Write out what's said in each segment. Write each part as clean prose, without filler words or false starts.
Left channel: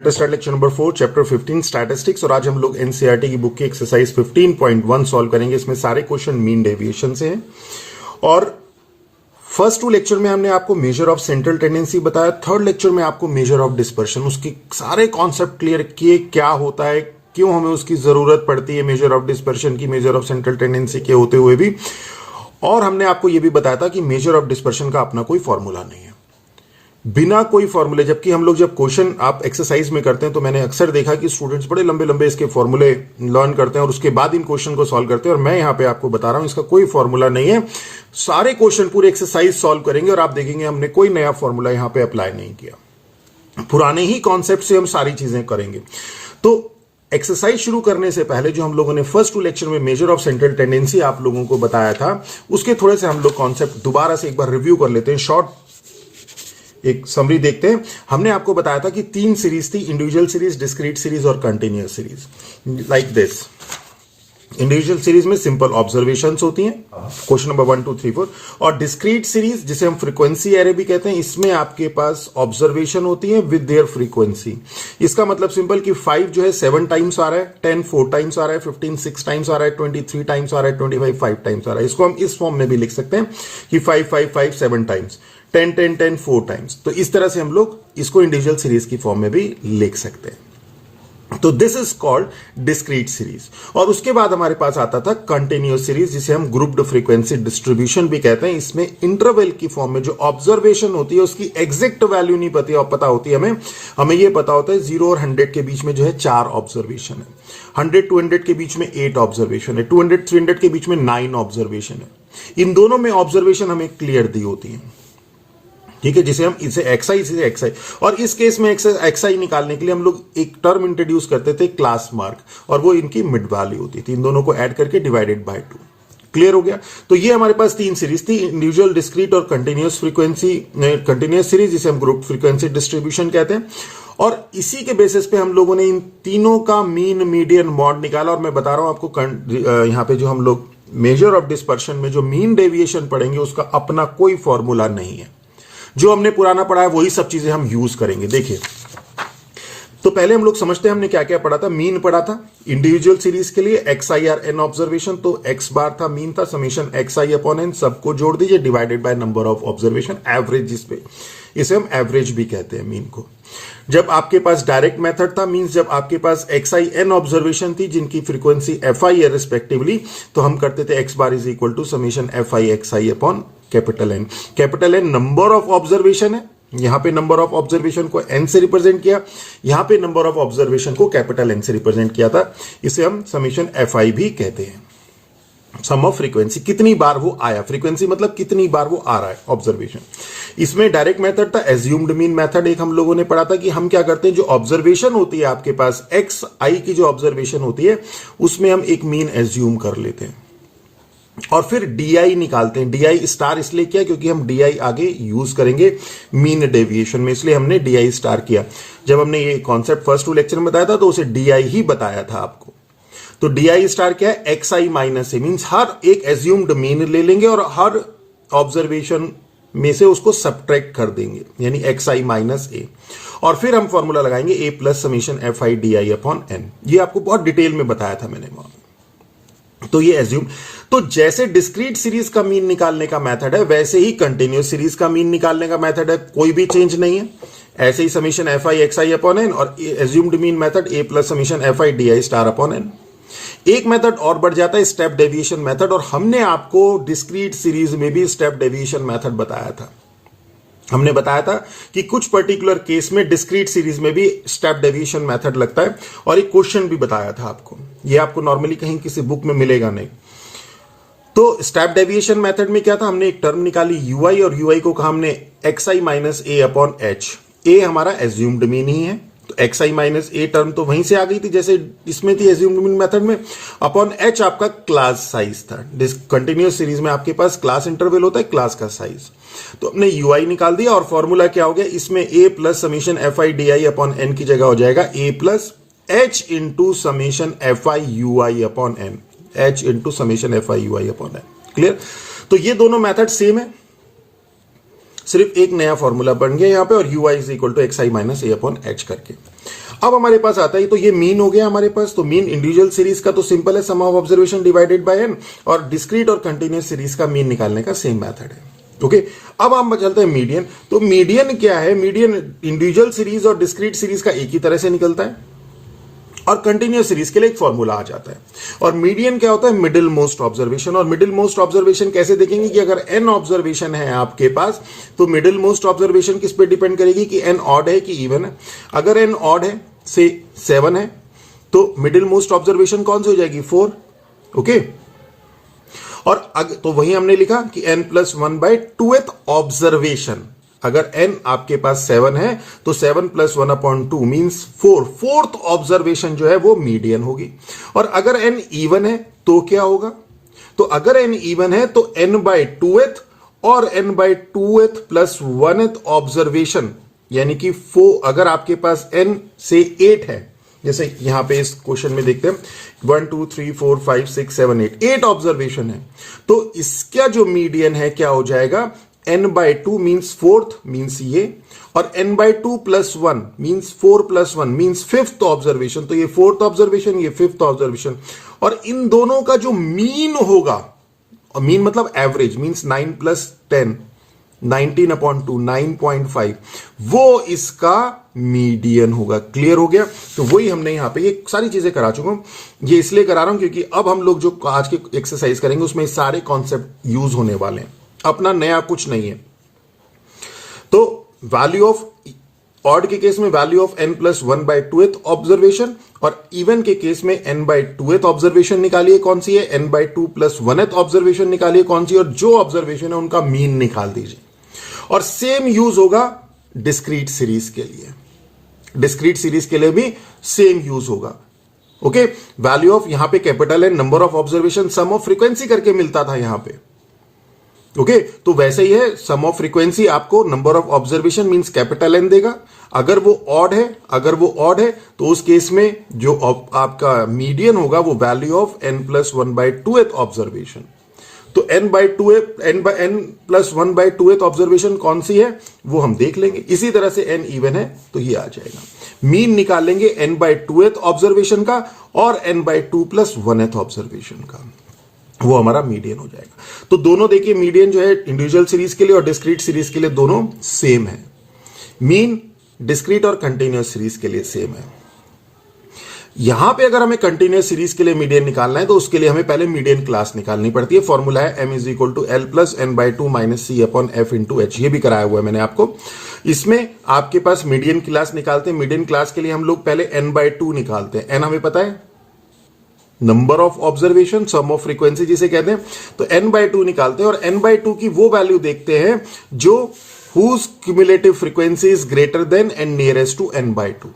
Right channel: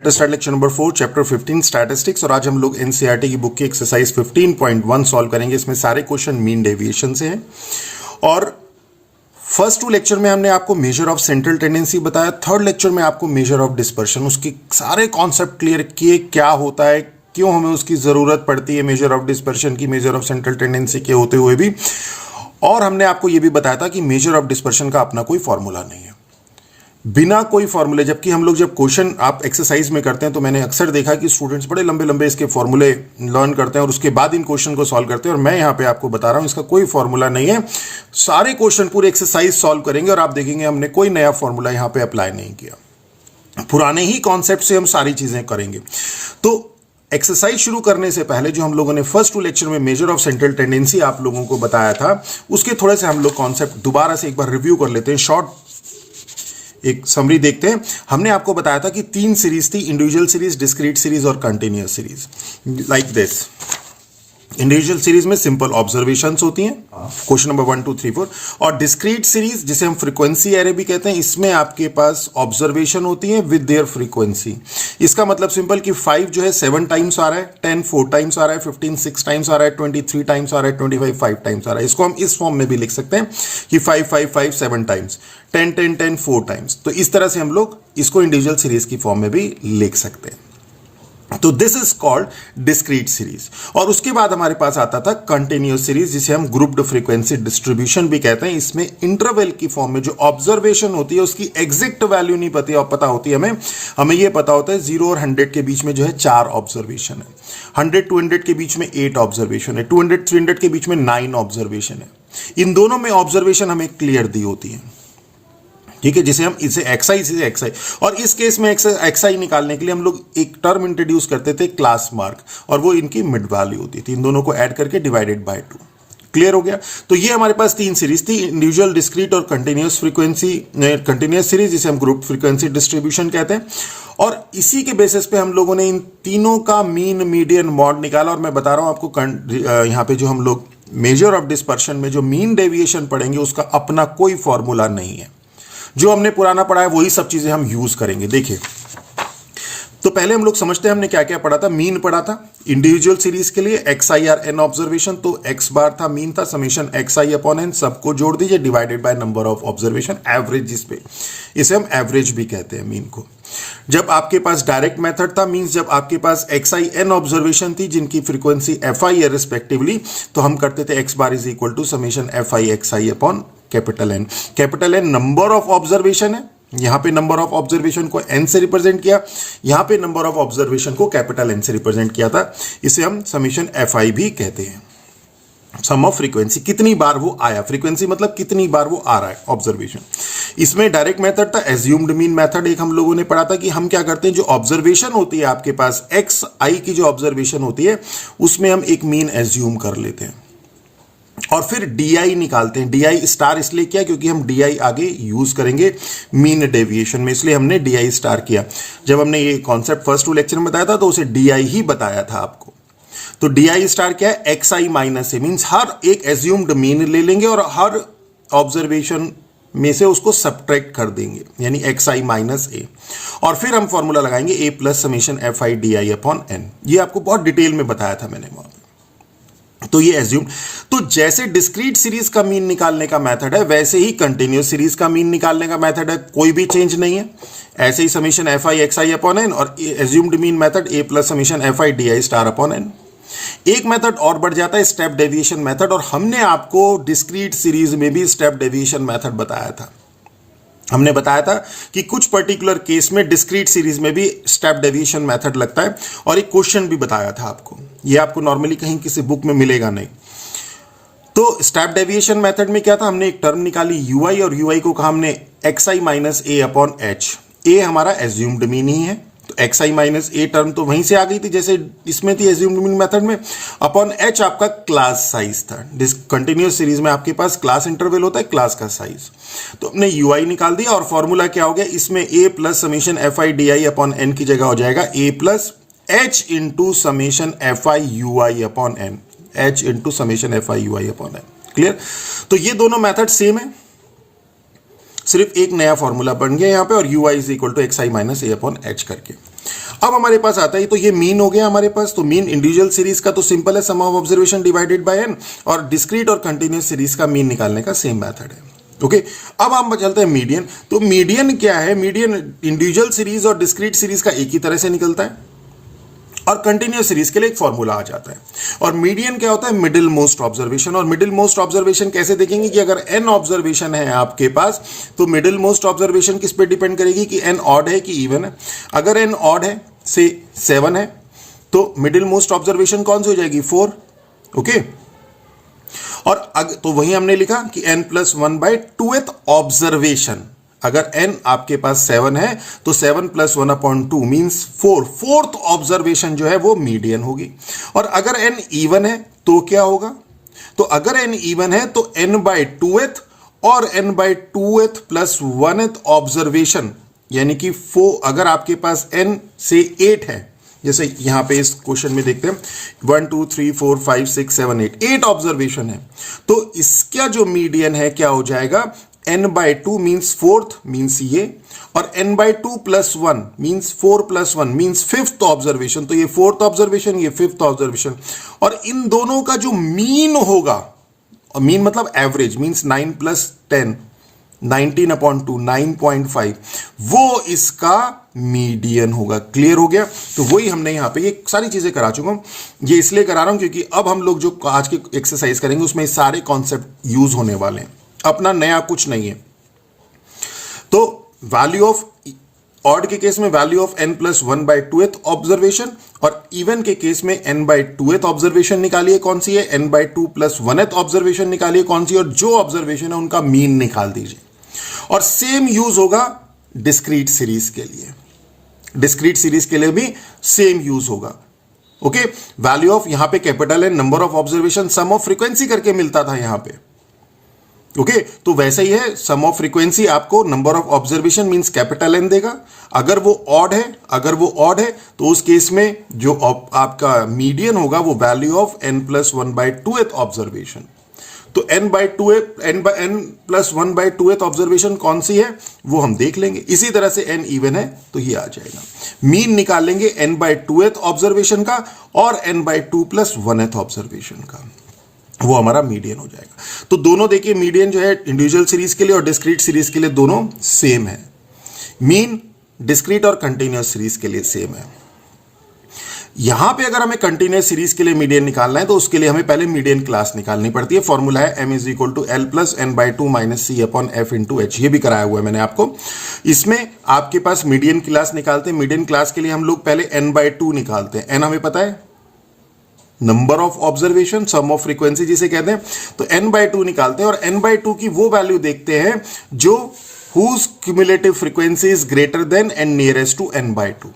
Start lecture number 4 chapter 15 statistics. और आज हम लोग एनसीईआरटी की बुक की एक्सरसाइज 15.1 सॉल्व करेंगे। इसमें सारे क्वेश्चन मीन डेविएशन से हैं। और फर्स्ट 2 लेक्चर में हमने आपको मेजर ऑफ सेंट्रल टेंडेंसी बताया। थर्ड लेक्चर में आपको मेजर ऑफ डिस्पर्शन, उसके सारे कॉन्सेप्ट क्लियर किए, क्या होता है, क्यों हमें उसकी जरूरत पड़ती है मेजर ऑफ डिस्पर्शन की, मेजर ऑफ सेंट्रल टेंडेंसी के होते हुए भी। और हमने आपको यह भी बताया था कि मेजर ऑफ डिस्पर्शन का अपना कोई फॉर्मूला नहीं है, बिना कोई फॉर्मूले। जबकि हम लोग जब क्वेश्चन आप एक्सरसाइज में करते हैं तो मैंने अक्सर देखा कि स्टूडेंट्स बड़े लंबे लंबे इसके फॉर्मूले लर्न करते हैं और उसके बाद इन क्वेश्चन को सॉल्व करते हैं। और मैं यहां पे आपको बता रहा हूं इसका कोई फॉर्मूला नहीं है। सारे क्वेश्चन पूरे एक्सरसाइज सॉल्व करेंगे और आप देखेंगे हमने कोई नया फॉर्मूला यहां पे अप्लाई नहीं किया, पुराने ही कॉन्सेप्ट से हम सारी चीजें करेंगे। तो एक्सरसाइज शुरू करने से पहले जो हम लोगों ने फर्स्ट 2 लेक्चर में मेजर ऑफ सेंट्रल टेंडेंसी आप लोगों को बताया था, उसके थोड़े से हम लोग कॉन्सेप्ट दोबारा से एक बार रिव्यू कर लेते हैं। शॉर्ट एक समरी देखते हैं। हमने आपको बताया था कि 3 सीरीज थी, इंडिविजुअल सीरीज, डिस्क्रीट सीरीज और continuous series. Like this, individual series में सिंपल ऑब्जर्वेशंस होती हैं, क्वेश्चन नंबर 1 2 3 4। और डिस्क्रीट सीरीज जिसे हम फ्रीक्वेंसी एरे भी कहते हैं, इसमें आपके पास ऑब्जर्वेशन होती है विद देयर फ्रीक्वेंसी। इसका मतलब सिंपल कि 5 जो है 7 टाइम्स आ रहा है, 10 4 टाइम्स आ रहा है, 15 6 टाइम्स आ रहा है, 23 टाइम्स आ रहा है, 25 5 टाइम्स आ रहा है। इसको हम इस फॉर्म में भी लिख सकते हैं कि 5 5 5 7 टाइम्स, 10 10 10 4 टाइम्स। तो इस तरह से हम लोग इसको इंडिविजुअल सीरीज की फॉर्म में भी लिख सकते हैं। तो this is called discrete series. और उसके बाद हमारे पास आता था कंटिन्यूअस सीरीज, जिसे हम ग्रुप्ड फ्रीक्वेंसी डिस्ट्रीब्यूशन भी कहते हैं। इसमें इंटरवल की फॉर्म में जो ऑब्जर्वेशन होती है उसकी एग्जैक्ट वैल्यू नहीं पता होती हमें यह पता होता है 0 और 100 के बीच में जो है 4 ऑब्जर्वेशन है, 100 200 के बीच में 8 ऑब्जर्वेशन है, 200 300 के बीच में 9 ऑब्जर्वेशन है। इन दोनों में ऑब्जर्वेशन हमें क्लियर दी होती है, ठीक है, जिसे हम इसे एक्सआई, इसे एक्सआई। और इस केस में एक्सआई निकालने के लिए हम लोग एक टर्म इंट्रोड्यूस करते थे, क्लास मार्क, और वो इनकी मिड वैल्यू होती थी। इन दोनों को ऐड करके डिवाइडेड बाय 2। क्लियर हो गया। तो ये हमारे पास 3 सीरीज थी, इंडिविजुअल, डिस्क्रीट और कंटिन्यूअस फ्रीक्वेंसी, कंटिन्यूअस सीरीज जिसे हम ग्रुप फ्रीक्वेंसी डिस्ट्रीब्यूशन कहते हैं। और इसी के बेसिस पे हम लोगों ने इन तीनों का मीन, मीडियन, मॉड निकाला। और मैं बता रहा हूं आपको यहां पे जो हम लोग मेजर ऑफ डिस्पर्शन में जो मीन डेविएशन पढ़ेंगे उसका अपना कोई फॉर्मूला नहीं है। जो हमने पुराना पढ़ा है वही सब चीजें हम यूज करेंगे। देखिए, तो पहले हम लोग समझते हैं हमने क्या क्या पढ़ा था। मीन पढ़ा था इंडिविजुअल सीरीज के लिए, XI n ऑब्जर्वेशन, तो x बार था, मीन था, समेशन XI अपॉन n, सबको जोड़ दीजिए, divided by number of observation, average, जिसपे इसे हम एवरेज भी कहते हैं मीन को। जब आपके पास डायरेक्ट मेथड था, मींस जब आपके पास XI n ऑब्जर्वेशन थी जिनकी फ्रीक्वेंसी FI है रिस्पेक्टिवली, तो हम करते थे x bar is equal to summation FI XI upon capital N। Capital N number of observation है, यहां पे नंबर ऑफ ऑब्जर्वेशन को n से रिप्रेजेंट किया, यहां पे नंबर ऑफ ऑब्जर्वेशन को कैपिटल N से रिप्रेजेंट किया था। इसे हम समेशन FI भी कहते हैं। सम ऑफ फ्रीक्वेंसी, कितनी बार वो आया, फ्रीक्वेंसी मतलब कितनी बार वो आ रहा है ऑब्जर्वेशन। इसमें डायरेक्ट मेथड था, एज्यूम्ड मीन मेथड एक हम लोगों ने पढ़ा था कि हम क्या करते हैं, जो ऑब्जर्वेशन होती है आपके पास XI की जो ऑब्जर्वेशन होती है उसमें हम एक मीन एज्यूम कर लेते हैं और फिर DI निकालते हैं। DI स्टार इसलिए किया क्योंकि हम DI आगे यूज करेंगे मीन डेविएशन में, इसलिए हमने DI स्टार किया। जब हमने ये कॉन्सेप्ट फर्स्ट 2 लेक्चर में बताया था तो उसे DI ही बताया था आपको। तो DI स्टार क्या है, XI माइनस ए, मीन्स हर एक एज्यूम्ड मीन ले लेंगे और हर ऑब्जर्वेशन में से उसको सब्ट्रैक्ट कर देंगे, यानी XI माइनस ए। और फिर हम फॉर्मूला लगाएंगे A plus summation FI DI upon N। ये आपको बहुत डिटेल में बताया था मैंने वहां। तो ये एज्यूम, तो जैसे डिस्क्रीट सीरीज का मीन निकालने का मेथड है वैसे ही कंटिन्यूअस सीरीज का मीन निकालने का मेथड है, कोई भी चेंज नहीं है। ऐसे ही summation FI XI upon N और assumed mean method A plus summation FI DI star upon N। एक मेथड और बढ़ जाता है, स्टेप डेविएशन मेथड, और हमने आपको डिस्क्रीट सीरीज में भी स्टेप डेविएशन मेथड बताया था। हमने बताया था कि कुछ पर्टिकुलर केस में डिस्क्रीट सीरीज में भी स्टेप डेविएशन मेथड लगता है, और एक क्वेश्चन भी बताया था आपको। यह आपको नॉर्मली कहीं किसी बुक में मिलेगा नहीं। तो स्टेप डेविएशन मेथड में क्या था, हमने एक टर्म निकाली UI, और UI को कहा हमने XI माइनस ए अपॉन H। ए हमारा एज्यूम्ड मीन ही है, तो XI माइनस ए टर्म तो वहीं से आ गई थी जैसे इसमें थी एज्यूम्ड मीन मेथड में, अपॉन H आपका क्लास साइज था। कंटिन्यूअस सीरीज में आपके पास क्लास इंटरवल होता है, क्लास का साइज। तो हमने UI निकाल दिया और फॉर्मूला क्या हो गया, इसमें A plus summation FI DI upon N की जगह हो जाएगा A plus H into summation FI UI upon N, H into summation FI UI upon N। Clear. तो ये दोनों मेथड सेम है, सिर्फ एक नया फॉर्मूला बन गया यहां पे, और UI is equal to XI minus A upon H करके। अब हमारे पास आता है, तो ये मीन हो गया हमारे पास। तो मीन इंडिविजुअल सीरीज का तो सिंपल है, sum of observation divided by n, और डिस्क्रीट और कंटिन्यूस सीरीज का मीन निकालने का सेम मेथड है। ओके अब हम चलते हैं मीडियन। तो मीडियन क्या है? मीडियन इंडिविजुअल सीरीज और डिस्क्रीट सीरीज का एक ही तरह से निकलता है, और कंटिन्यूस सीरीज के लिए एक फॉर्मूला आ जाता है। और मीडियन क्या होता है? Middle most observation. और मिडिल मोस्ट ऑब्जर्वेशन कैसे देखेंगे कि अगर एन ऑब्जर्वेशन है आपके पास, तो मिडिल मोस्ट ऑब्जर्वेशन किस पे डिपेंड करेगी कि एन ऑड है कि इवन है। अगर एन ऑड है, से 7 है, तो मिडिल मोस्ट ऑब्जर्वेशन कौन सी हो जाएगी? 4। ओके और तो वही हमने लिखा कि n+1/2th ऑब्जर्वेशन। अगर n आपके पास 7 है तो 7+1/2 मींस 4, फोर्थ ऑब्जर्वेशन जो है वो मीडियन होगी। और अगर n इवन है तो क्या होगा? तो अगर n इवन है तो n/2th और n/2th + 1th ऑब्जर्वेशन, यानी कि 4। अगर आपके पास n से 8 है, जैसे यहां पे इस क्वेश्चन में देखते हैं 1 2 3 4 5 6 7 8 ऑब्जर्वेशन है, तो इसका जो मीडियन है क्या हो जाएगा? n/2 मींस फोर्थ मींस ये, और n/2 + 1 means 4 + 1 means fifth observation. तो ये फोर्थ ऑब्जर्वेशन, ये फिफ्थ ऑब्जर्वेशन, और इन दोनों का जो मीन होगा, और मीन मतलब एवरेज, मींस 9 + 10 19/2 9.5, वो इसका मीडियन होगा। क्लियर हो गया? तो वही हमने यहां पे ये सारी चीजें करा चुका हूं। ये इसलिए करा रहा हूं क्योंकि अब हम लोग जो आज की एक्सरसाइज करेंगे उसमें सारे कॉन्सेप्ट यूज होने वाले हैं, अपना नया कुछ नहीं है। तो वैल्यू ऑफ ऑड के केस में वैल्यू ऑफ n+1/2th ऑब्जर्वेशन, और इवन के केस में n/2th ऑब्जर्वेशन निकालिए कौन सी है, n/2 + 1th ऑब्जर्वेशन निकालिए कौन सी, और जो ऑब्जर्वेशन है उनका मीन निकाल दीजिए। और सेम यूज होगा डिस्क्रीट सीरीज के लिए। डिस्क्रीट सीरीज के लिए भी सेम यूज होगा। ओके वैल्यू ऑफ, यहां पे कैपिटल है, number of observation sum of frequency करके मिलता था यहां पे। ओके तो वैसे ही है, सम ऑफ फ्रीक्वेंसी आपको number of observation means capital N देगा। अगर वो ऑड है तो उस केस में जो आपका मीडियन होगा वो वैल्यू ऑफ n+1/2th ऑब्जर्वेशन। तो n+1/2th ऑब्जर्वेशन कौन सी है वो हम देख लेंगे। इसी तरह से n इवन है तो ये आ जाएगा। मीन निकाल लेंगे n/2th ऑब्जर्वेशन का और n/2 + 1th ऑब्जर्वेशन का, वो हमारा मीडियन हो जाएगा। तो दोनों देखिए, मीडियन जो है इंडिविजुअल सीरीज के लिए और डिस्क्रीट सीरीज के लिए दोनों सेम है। मीन डिस्क्रीट और कंटिन्यूअस सीरीज के लिए सेम है। यहां पे अगर हमें कंटिन्यूअस सीरीज के लिए मीडियन निकालना है तो उसके लिए हमें पहले मीडियन क्लास निकालनी पड़ती है। फॉर्मूला है m = L + n/2 - c/f × h। ये भी कराया हुआ है मैंने आपको। इसमें आपके पास मीडियन क्लास निकालते हैं। मीडियन क्लास के लिए हम लोग पहले n/2 निकालते हैं। n हमें पता है, number of observation, sum of frequency जिसे कहते हैं। तो n/2 निकालते हैं और n/2 की वो वैल्यू देखते हैं जो whose cumulative frequency is greater than and nearest to n/2।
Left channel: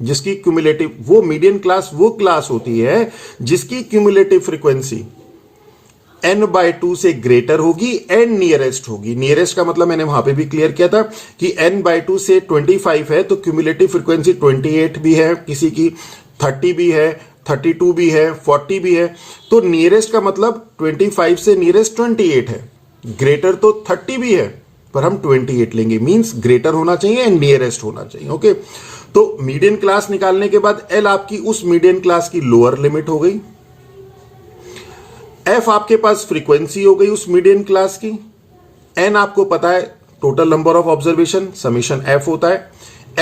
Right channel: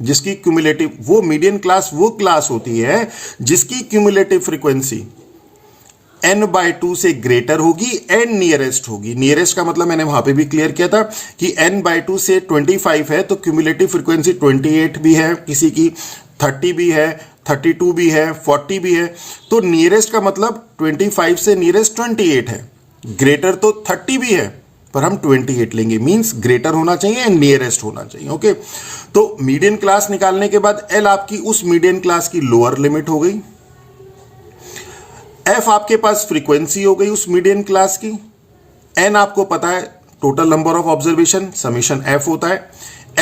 जिसकी क्यूमुलेटिव, वो मीडियन क्लास वो क्लास होती है जिसकी क्यूमुलेटिव फ्रीक्वेंसी n/2 से ग्रेटर होगी एंड नियरेस्ट होगी। नियरेस्ट का मतलब मैंने वहां पे भी क्लियर किया था कि n/2 से 25 है तो क्यूमुलेटिव फ्रीक्वेंसी 28 भी है, किसी की 30 भी है, 32 भी है, 40 भी है। तो नियरेस्ट का मतलब 25 से नियरेस्ट 28 है, ग्रेटर तो 30 भी है पर हम 28 लेंगे, मींस ग्रेटर होना चाहिए एंड नियरेस्ट होना चाहिए। ओके तो मीडियन क्लास निकालने के बाद L आपकी उस मीडियन क्लास की लोअर लिमिट हो गई, F आपके पास फ्रीक्वेंसी हो गई उस मीडियन क्लास की, N आपको पता है total number of observation summation F होता है,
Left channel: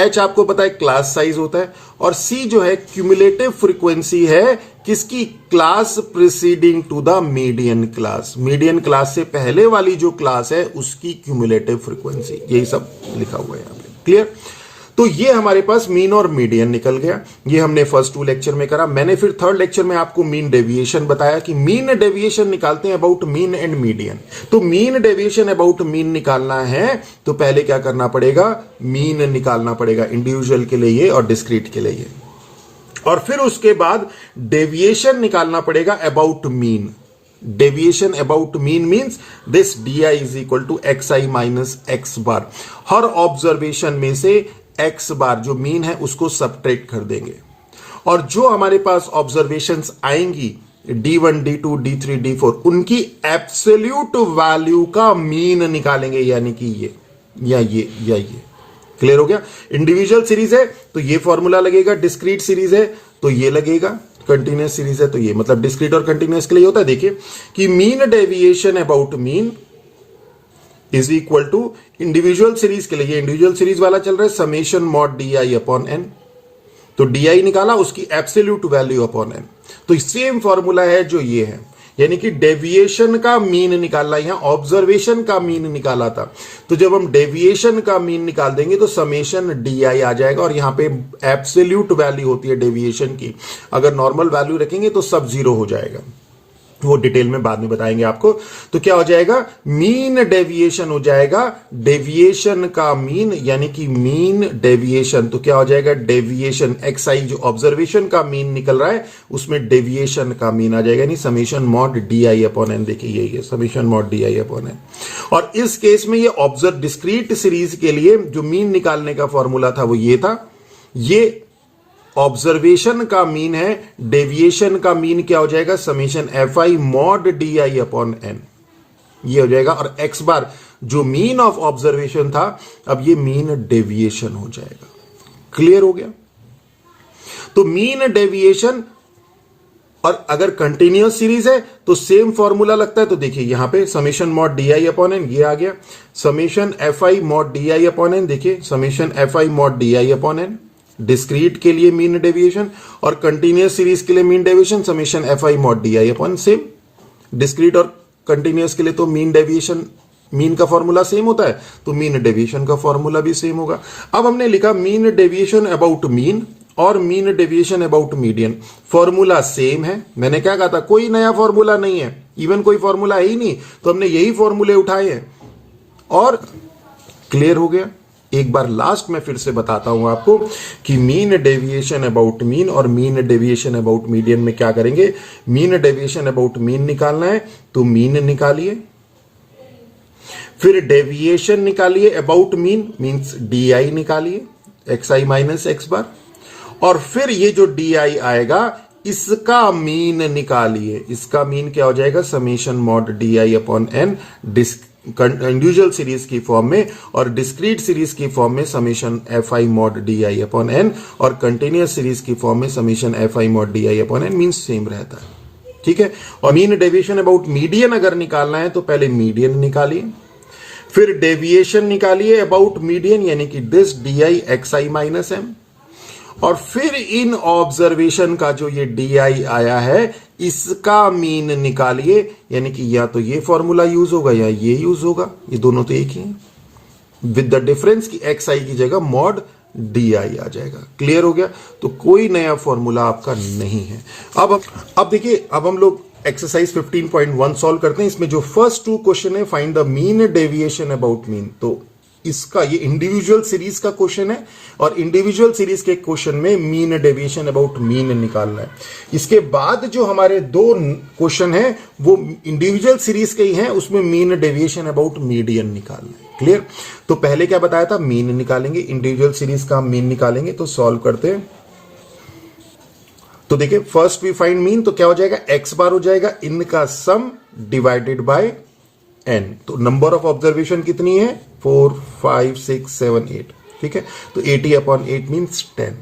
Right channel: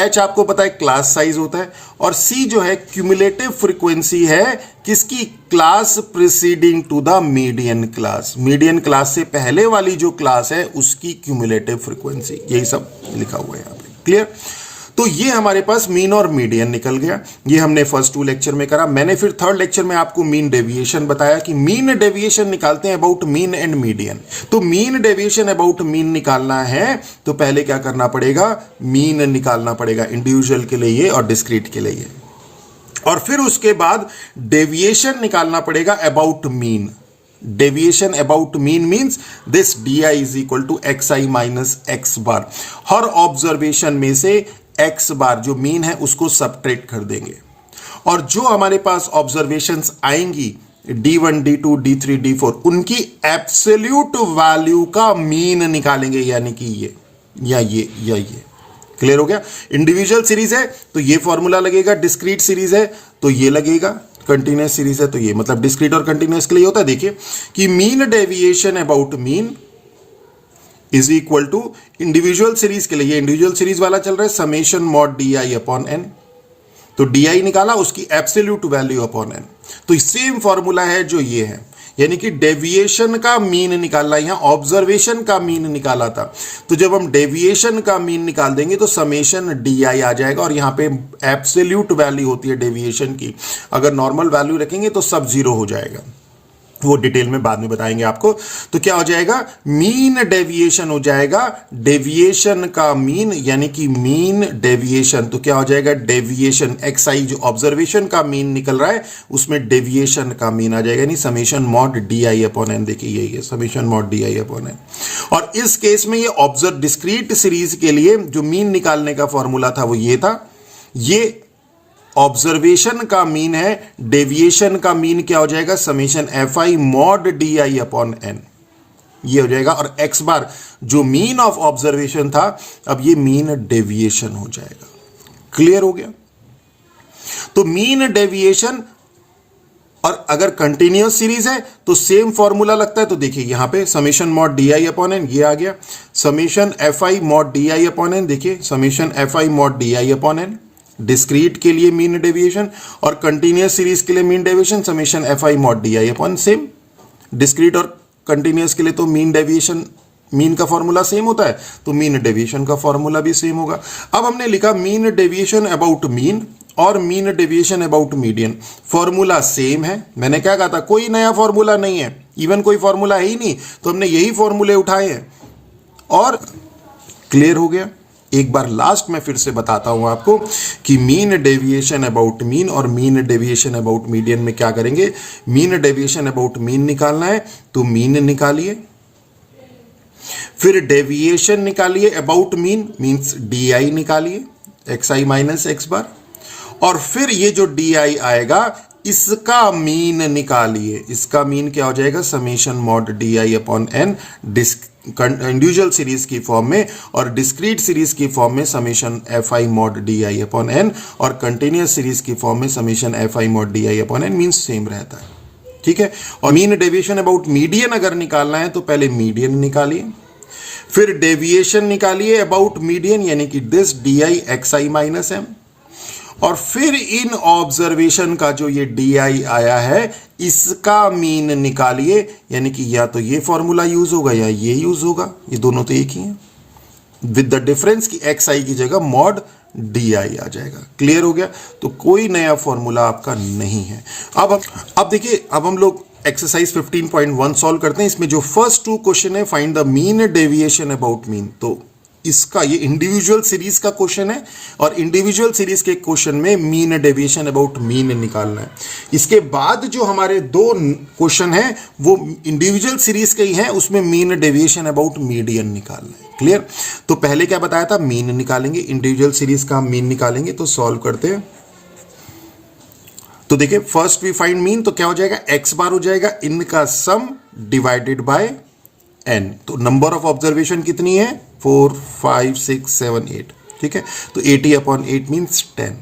H आपको पता है क्लास साइज होता है, और C जो है क्यूमुलेटिव फ्रीक्वेंसी है किसकी, class preceding to the median class. Median class से पहले वाली जो क्लास है उसकी क्यूमुलेटिव फ्रीक्वेंसी, यही सब लिखा हुआ है यहां पे। क्लियर? तो ये हमारे पास मीन और मीडियन निकल गया। ये हमने फर्स्ट 2 लेक्चर में करा। मैंने फिर थर्ड लेक्चर में आपको मीन डेविएशन बताया कि मीन डेविएशन निकालते हैं अबाउट मीन एंड मीडियन। तो मीन डेविएशन अबाउट मीन निकालना है तो पहले क्या करना पड़ेगा, मीन निकालना पड़ेगा इंडिविजुअल के लिए और डिस्क्रीट के लिए, और फिर उसके बाद डेविएशन निकालना पड़ेगा about mean. Deviation about mean means this di = xi - x bar. Her observation में से x बार जो मीन है उसको सबट्रैक्ट कर देंगे, और जो हमारे पास ऑब्जर्वेशंस आएंगी d1 d2 d3 d4 उनकी एब्सोल्यूट वैल्यू का मीन निकालेंगे, यानी कि ये या ये या ये। क्लियर हो गया। इंडिविजुअल सीरीज है तो ये फॉर्मूला लगेगा, डिस्क्रीट सीरीज है तो ये लगेगा, कंटिन्यूअस सीरीज है तो ये, मतलब डिस्क्रीट और कंटिन्यूअस के लिए होता है देखिए कि mean deviation about mean is equal to individual series के लिए, ये इंडिविजुअल सीरीज वाला चल रहा है, summation mod D I upon N. तो डी आई निकाला, उसकी एब्सोल्यूट वैल्यू अपॉन एन। तो सेम फॉर्मूला है जो ये है, यानी कि डेविएशन का मीन निकालना, यहां ऑब्जर्वेशन का मीन निकाला था, तो जब हम डेविएशन का मीन निकाल देंगे तो समेशन डी आई आ जाएगा, और यहां पे एब्सोल्यूट वैल्यू होती है डेविएशन की, अगर नॉर्मल वैल्यू रखेंगे तो सब जीरो हो जाएगा, वो डिटेल में बाद में बताएंगे आपको। तो क्या हो जाएगा, मीन डेविएशन हो जाएगा, डेविएशन का मीन यानी कि मीन डेविएशन, तो क्या हो जाएगा डेविएशन एक्स आई, जो ऑब्जर्वेशन का मीन निकल रहा है उसमें डेविएशन का मीन आ जाएगा, यानी summation mod D I upon N. देखिए ये summation mod D I upon N. और इस केस में ये ऑब्जर्व डिस्क्रीट सीरीज के लिए जो मीन निकालने का फॉर्मूला था वो ये था, ये ऑब्जर्वेशन का मीन है, डेविएशन का मीन क्या हो जाएगा, summation F I mod D I upon N, ये हो जाएगा। और एक्स बार जो मीन ऑफ ऑब्जर्वेशन था, अब ये मीन डेविएशन हो जाएगा। क्लियर हो गया। तो मीन डेविएशन, और अगर कंटिन्यूअस सीरीज है तो सेम फॉर्मूला लगता है, तो देखिए यहां पे summation mod D I upon N, ये आ गया, summation F I mod D I upon N, देखिए summation F I mod D I upon n, discrete के लिए मीन डेविएशन, और कंटिन्यूअस सीरीज के लिए mean deviation summation F I mod D I upon, same discrete और continuous के लिए तो मीन डेविएशन, मीन का फॉर्मूला सेम होता है, तो मीन डेविएशन का फॉर्मूला भी सेम होगा। अब हमने लिखा मीन डेविएशन अबाउट मीन और mean deviation about median, formula same है। मैंने क्या कहा था, कोई नया फॉर्मूला नहीं है, इवन कोई फॉर्मूला है ही नहीं, तो हमने यही फॉर्मूले उठाए हैं और क्लियर हो गया। एक बार लास्ट में फिर से बताता हूं आपको कि मीन डेविएशन अबाउट मीन और मीन डेविएशन अबाउट मीडियन में क्या करेंगे, मीन डेविएशन अबाउट मीन निकालना है तो मीन निकालिए, फिर डेविएशन निकालिए about mean means D i निकालिए, एक्स आई माइनस एक्स बार, और फिर ये जो डी आई आएगा इसका मीन निकालिए, इसका मीन क्या हो जाएगा, summation mod D I upon N, individual series की फॉर्म में, और डिस्क्रीट सीरीज की फॉर्म में summation F I mod D I upon N, और कंटिन्यूअस सीरीज की फॉर्म में summation F I mod D I upon N, mean same रहता है। ठीक है। और मीन डेविएशन अबाउट मीडियन अगर निकालना है तो पहले मीडियन निकालिए, फिर डेविएशन निकालिए अबाउट मीडियन यानी कि this D I x I minus M, और फिर इन ऑब्जर्वेशन का जो ये डी आई आया है इसका मीन निकालिए, यानी कि या तो ये फॉर्मूला यूज होगा या ये यूज होगा, ये दोनों तो एक ही हैं, विद द डिफरेंस कि एक्स आई की जगह मॉड डी आई आ जाएगा। क्लियर हो गया। तो कोई नया फॉर्मूला आपका नहीं है। अब देखिए, अब हम लोग एक्सरसाइज 15.1 सॉल्व करते हैं। इसमें जो फर्स्ट टू क्वेश्चन है, find the mean deviation about mean, तो इसका ये इंडिविजुअल सीरीज का क्वेश्चन है, और इंडिविजुअल सीरीज के क्वेश्चन में मीन डेविएशन अबाउट मीन निकालना है। इसके बाद जो हमारे दो क्वेश्चन है वो इंडिविजुअल सीरीज के ही हैं, उसमें मीन डेविएशन अबाउट मीडियन निकालना है। क्लियर। तो पहले क्या बताया था, मीन निकालेंगे, इंडिविजुअल सीरीज का मीन निकालेंगे। तो सॉल्व करते हैं। तो देखिए, फर्स्ट वी फाइंड मीन, तो क्या हो जाएगा, एक्स बार हो जाएगा इनका सम डिवाइडेड बाय एन। तो नंबर ऑफ ऑब्जर्वेशन कितनी है, 4 5 6 7 8। ठीक है। तो 80 अपॉन 8 मीन्स 10।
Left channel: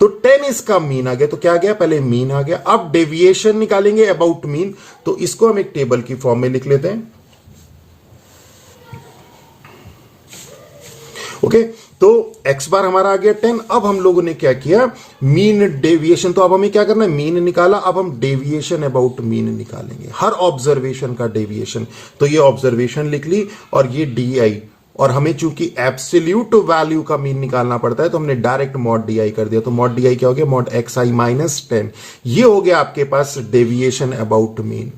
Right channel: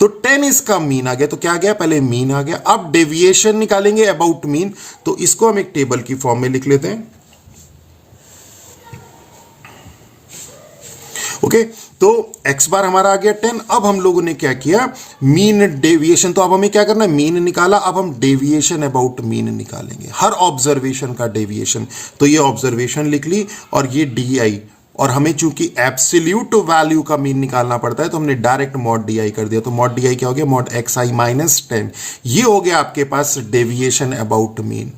तो 10 इसका मीन आ गया। तो क्या आ गया, पहले मीन आ गया। अब डेविएशन निकालेंगे अबाउट मीन, तो इसको हम एक टेबल की फॉर्म में लिख लेते हैं। ओके। तो एक्स बार हमारा आ गया 10। अब हम लोगों ने क्या किया, मीन डेविएशन, तो अब हमें क्या करना है, मीन निकाला, अब हम डेविएशन अबाउट मीन निकालेंगे, हर ऑब्जर्वेशन का डेविएशन। तो ये ऑब्जर्वेशन लिख ली और ये डी आई, और हमें चूंकि एब्सोल्यूट वैल्यू का मीन निकालना पड़ता है तो हमने डायरेक्ट मॉड डी आई कर दिया। तो मॉड डी आई क्या हो गया, मॉड एक्स आई माइनस 10। ये हो गया आपके पास डेविएशन अबाउट मीन।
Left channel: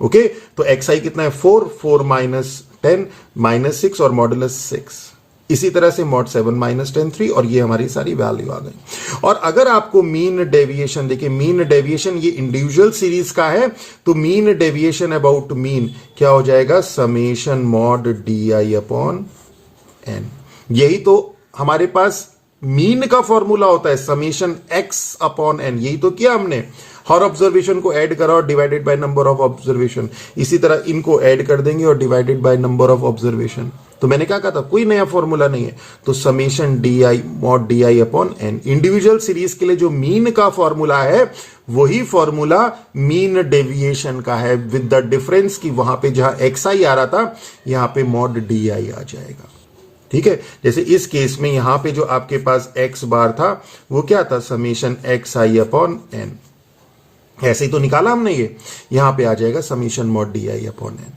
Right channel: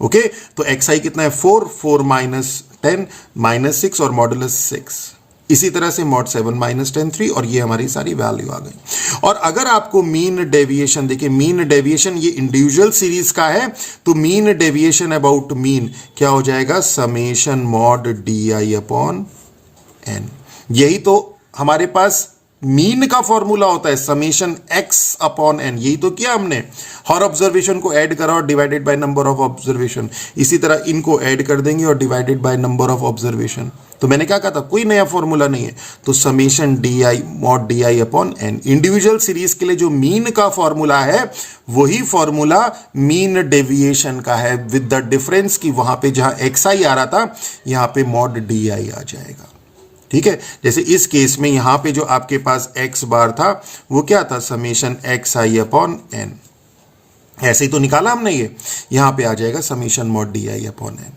ओके। तो एक्स आई कितना है, 4 4 माइनस 10 माइनस 6 और मॉडुलस 6। इसी तरह से मॉड 7 माइनस 10 3, और ये हमारी सारी वैल्यू आ गई। और अगर आपको मीन डेविएशन, देखिए मीन डेविएशन ये इंडिविजुअल सीरीज का है, तो मीन डेविएशन अबाउट मीन क्या हो जाएगा, summation mod D I upon N. यही तो हमारे पास मीन का फॉर्मूला होता है समेशन एक्स अपॉन एन, यही तो किया हमने, हर ऑब्जर्वेशन को ऐड करा और divided by number of observation, इसी तरह इनको ऐड कर देंगे और divided by number of observation. तो मैंने क्या कहा था, कोई नया फॉर्मूला नहीं है, तो summation D I mod D I upon N. Individual series के लिए जो मीन का फॉर्मूला है वही फॉर्मूला मीन डेविएशन का है, विद द डिफरेंस कि वहां पे जहां एक्स आई आ रहा था यहां पे मॉड डी आई आ जाएगा। ठीक है, जैसे इस केस में यहां पे जो आपके पास एक्स बार था वो क्या था, समेशन एक्स आई अपॉन एन, ऐसे ही तो निकाला हमने, ये यहां पे आ जाएगा summation mod D I upon N.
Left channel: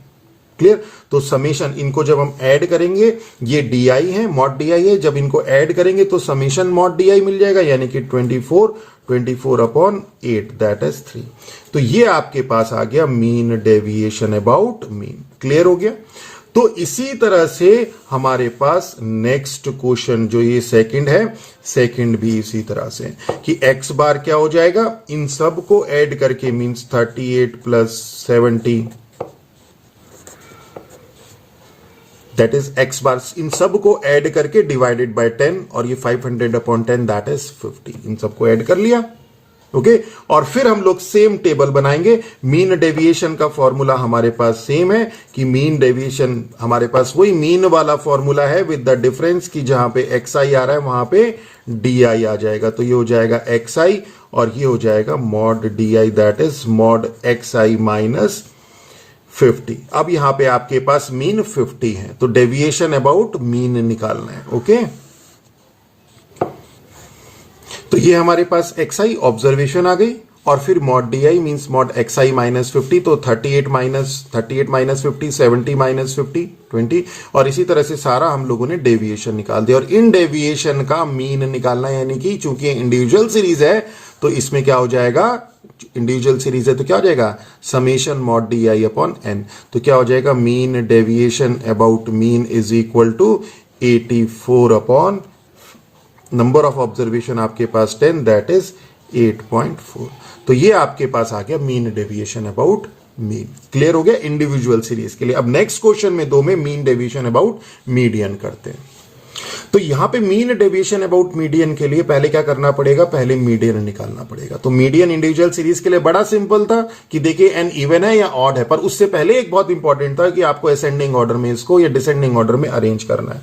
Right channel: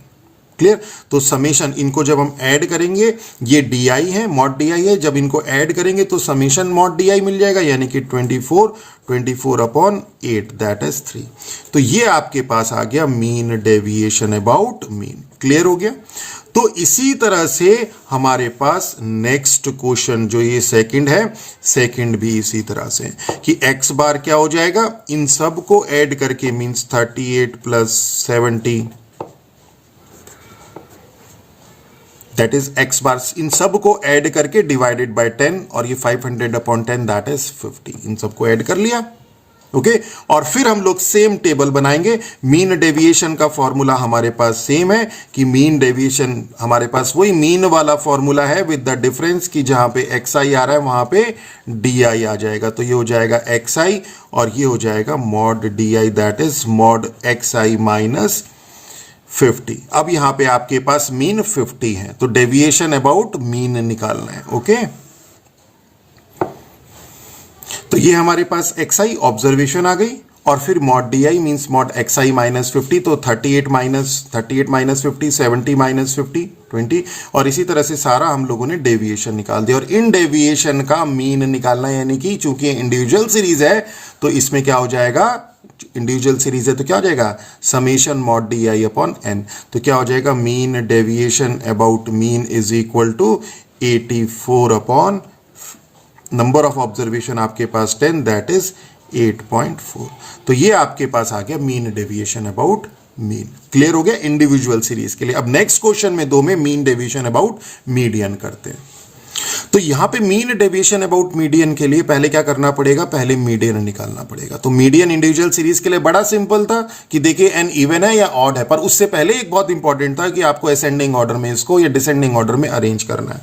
Clear, तो समेशन इनको जब हम ऐड करेंगे, ये डी आई है, मॉड डी आई है, जब इनको ऐड करेंगे तो समेशन मॉड डी आई मिल जाएगा, यानी कि 24 अपॉन 8 दैट इज 3। तो ये आपके पास आ गया mean deviation about mean. Clear हो गया। तो इसी तरह से हमारे पास नेक्स्ट क्वेश्चन जो ये सेकंड है, सेकंड भी इसी तरह से कि एक्स बार क्या हो जाएगा, इन सब को ऐड करके means 38 plus 70 that is x bar, इन सब को ऐड करके डिवाइडेड बाय 10 और ये 500 अपॉन 10 दैट इज 50, इन सबको ऐड कर लिया। ओके, और फिर हम लोग सेम टेबल बनाएंगे। मीन डेविएशन का फॉर्मूला हमारे पास सेम है कि मीन डेविएशन हमारे पास वही मीन वाला फॉर्मूला है, विद द डिफरेंस कि जहां पे एक्स आई आ रहा है वहां पे डी आई आ जाएगा। तो ये हो जाएगा एक्स आई और ये हो जाएगा mod D I that is mod x I minus 50। अब यहां पे आपके पास मीन 50 है, तो डेविएशन अबाउट मीन निकालना है। ओके, तो ये हमारे पास एक्स आई ऑब्जर्वेशन आ गई और फिर mod D I means mod x I minus 50, तो 38 माइनस 50, 70 माइनस 50 20, और इसी तरह से सारा हम लोगों ने डेविएशन निकाल दिया। और इन डेविएशन का मीन निकालना, यानी कि चूंकि इंडिविजुअल सीरीज है तो इसमें क्या हो जाएगा, इंडिविजुअल सीरीज है तो क्या हो जाएगा, summation mod D I upon N. तो क्या हो जाएगा, mean deviation about mean is equal to 84 upon number of observation आपके पास 10 दैट इज 8.4। तो ये आपके पास आ गया mean deviation about mean. Clear हो गया इंडिविजुअल सीरीज के लिए। अब नेक्स्ट क्वेश्चन में दो में मीन डेविएशन अबाउट मीडियन करते हैं। तो यहां पे मीन डेविएशन अबाउट मीडियन के लिए पहले क्या करना पड़ेगा, पहले मीडियन निकालना पड़ेगा। तो मीडियन इंडिविजुअल सीरीज के लिए बड़ा सिंपल था कि देखिए एन इवन है या ऑड है, पर उससे पहले एक बहुत इंपॉर्टेंट था कि आपको असेंडिंग ऑर्डर में इसको या डिसेंडिंग ऑर्डर में अरेंज करना है।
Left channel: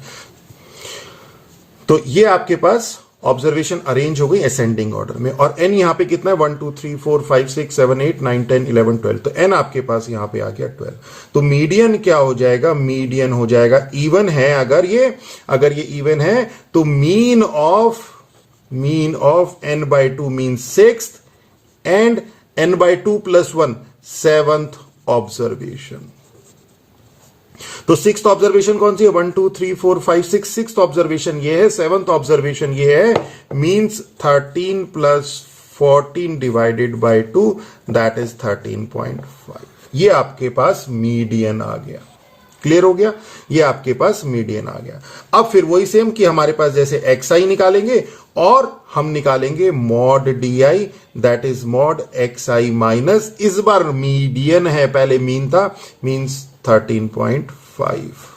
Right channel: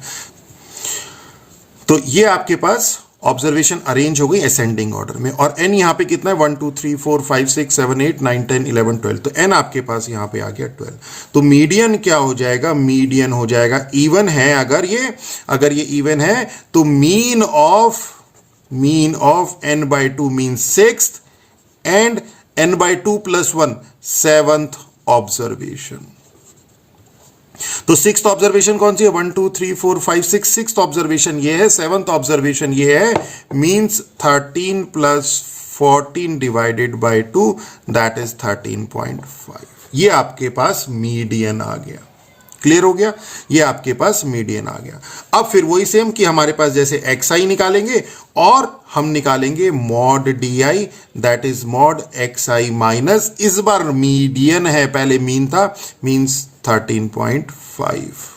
तो ये आपके पास ऑब्जर्वेशन अरेंज हो गई असेंडिंग ऑर्डर में, और एन यहां पे कितना है 1 2 3 4 5 6 7 8 9 10 11 12, तो एन आपके पास यहां पे आ गया 12। तो मीडियन क्या हो जाएगा, मीडियन हो जाएगा इवन है, अगर ये इवन है तो mean of n by 2 mean 6th and n by 2 plus 1 7th observation. तो 6th ऑब्जर्वेशन कौन सी है, 1 2 3 4 5 6, 6th ऑब्जर्वेशन ये है, 7th ऑब्जर्वेशन ये है, means 13 plus 14 divided by 2 that is 13.5। ये आपके पास मीडियन आ गया। क्लियर हो गया, ये आपके पास मीडियन आ गया। अब फिर वही सेम कि हमारे पास जैसे एक्स आई निकालेंगे और हम निकालेंगे mod D I that is mod x I minus, इस बार मीडियन है, पहले मीन था, मींस 13.5।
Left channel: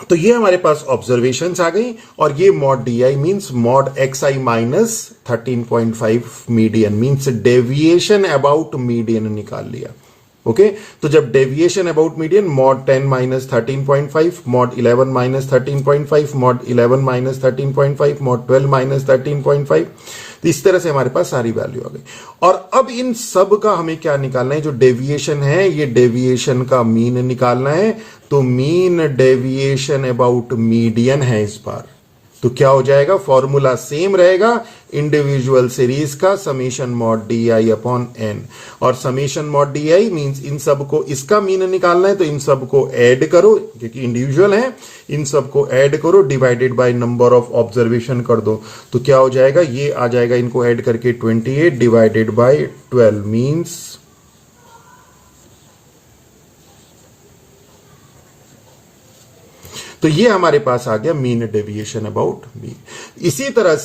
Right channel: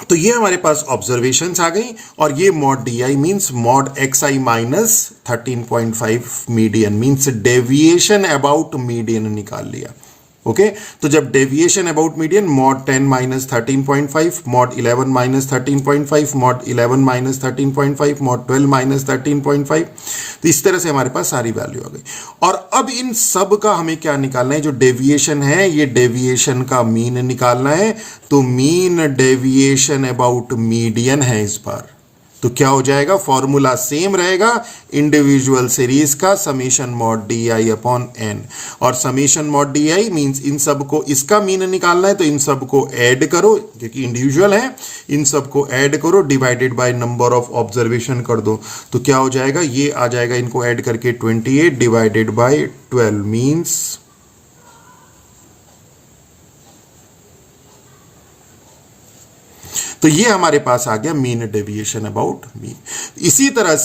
तो ये हमारे पास ऑब्जर्वेशंस आ गई, और ये mod D I means mod x I minus 13.5 median means deviation about median निकाल लिया। ओके, तो जब deviation about median mode 10 minus 13.5, mod 11 minus 13.5, mod 11 minus 13.5, mod 12 minus 13.5, तो इस तरह से हमारे पास सारी वैल्यू आ गई। और अब इन सब का हमें क्या निकालना है, जो डेविएशन है ये डेविएशन का मीन निकालना है। तो मीन डेविएशन अबाउट मीडियन है इस बार, तो क्या हो जाएगा, फॉर्मूला सेम रहेगा इंडिविजुअल सीरीज का, summation mod D I upon N, और summation mod D I means इन सब को इसका मीन निकालना है, तो इन सब को ऐड करो क्योंकि इंडिविजुअल है, इन सब को ऐड करो divided by number of observation कर दो। तो क्या हो जाएगा, ये आ जाएगा, इनको ऐड करके 28 डिवाइडेड बाय 12 मीन्स, तो तो ये हमारे पास आ गया मीन डेविएशन अबाउट मीन। इसी तरह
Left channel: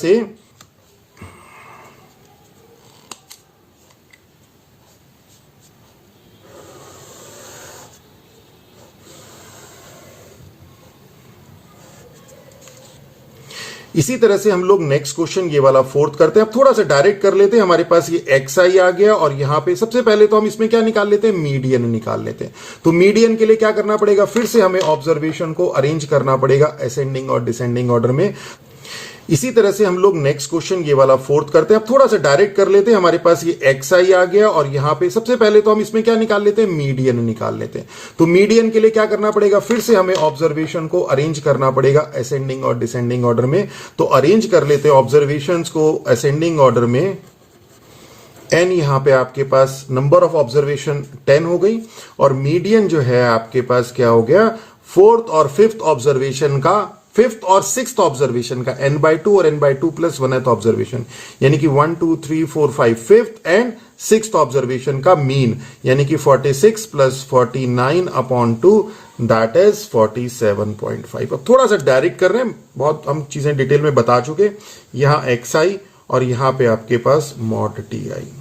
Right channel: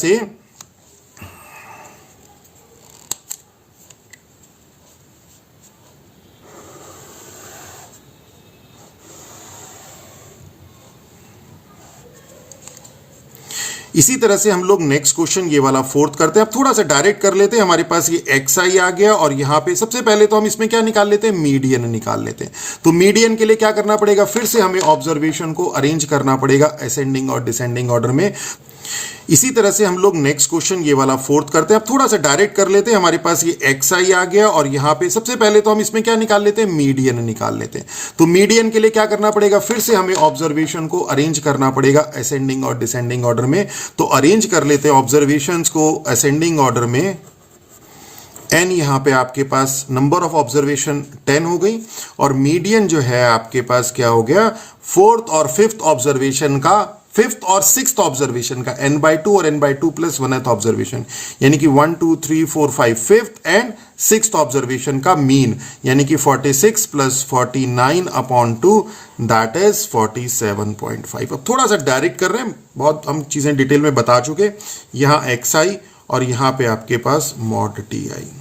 से हम लोग नेक्स्ट क्वेश्चन ये वाला फोर्थ करते हैं। अब थोड़ा सा डायरेक्ट कर लेते हैं। हमारे पास ये एक्स आई आ गया और यहां पे सबसे पहले तो हम इसमें क्या निकाल लेते हैं, मीडियन निकाल लेते हैं। तो मीडियन के लिए क्या करना पड़ेगा, फिर से हमें ऑब्जर्वेशन को अरेंज करना पड़ेगा असेंडिंग और डिसेंडिंग ऑर्डर में। इसी तरह से हम लोग नेक्स्ट क्वेश्चन ये वाला फोर्थ करते हैं। अब थोड़ा सा डायरेक्ट कर लेते हैं। हमारे पास ये एक्स आई आ गया और यहां पे सबसे पहले तो हम इसमें क्या निकाल लेते हैं, मीडियन निकाल लेते हैं। तो मीडियन के लिए क्या करना पड़ेगा, फिर से हमें ऑब्जर्वेशन को अरेंज करना पड़ेगा असेंडिंग और डिसेंडिंग ऑर्डर में। तो अरेंज कर लेते हैं ऑब्जर्वेशंस को असेंडिंग ऑर्डर में। एन यहां पे आपके पास नंबर ऑफ ऑब्जर्वेशन 10 हो गई और मीडियन जो है आपके पास क्या हो गया, फोर्थ और फिफ्थ ऑब्जर्वेशन का, फिफ्थ और सिक्स्थ ऑब्जर्वेशन का n/2 और n/2 प्लस 1th ऑब्जर्वेशन, यानी कि 1 2 3 4 5 फिफ्थ एंड सिक्स्थ ऑब्जर्वेशन का मीन, यानी कि 46 प्लस 49/2 दैट इज 47.5। अब थोड़ा सा डायरेक्ट कर रहे हैं, बहुत हम चीजें डिटेल में बता चुके। यहां एक्स आई और यहां पे आपके पास मॉड टी आई।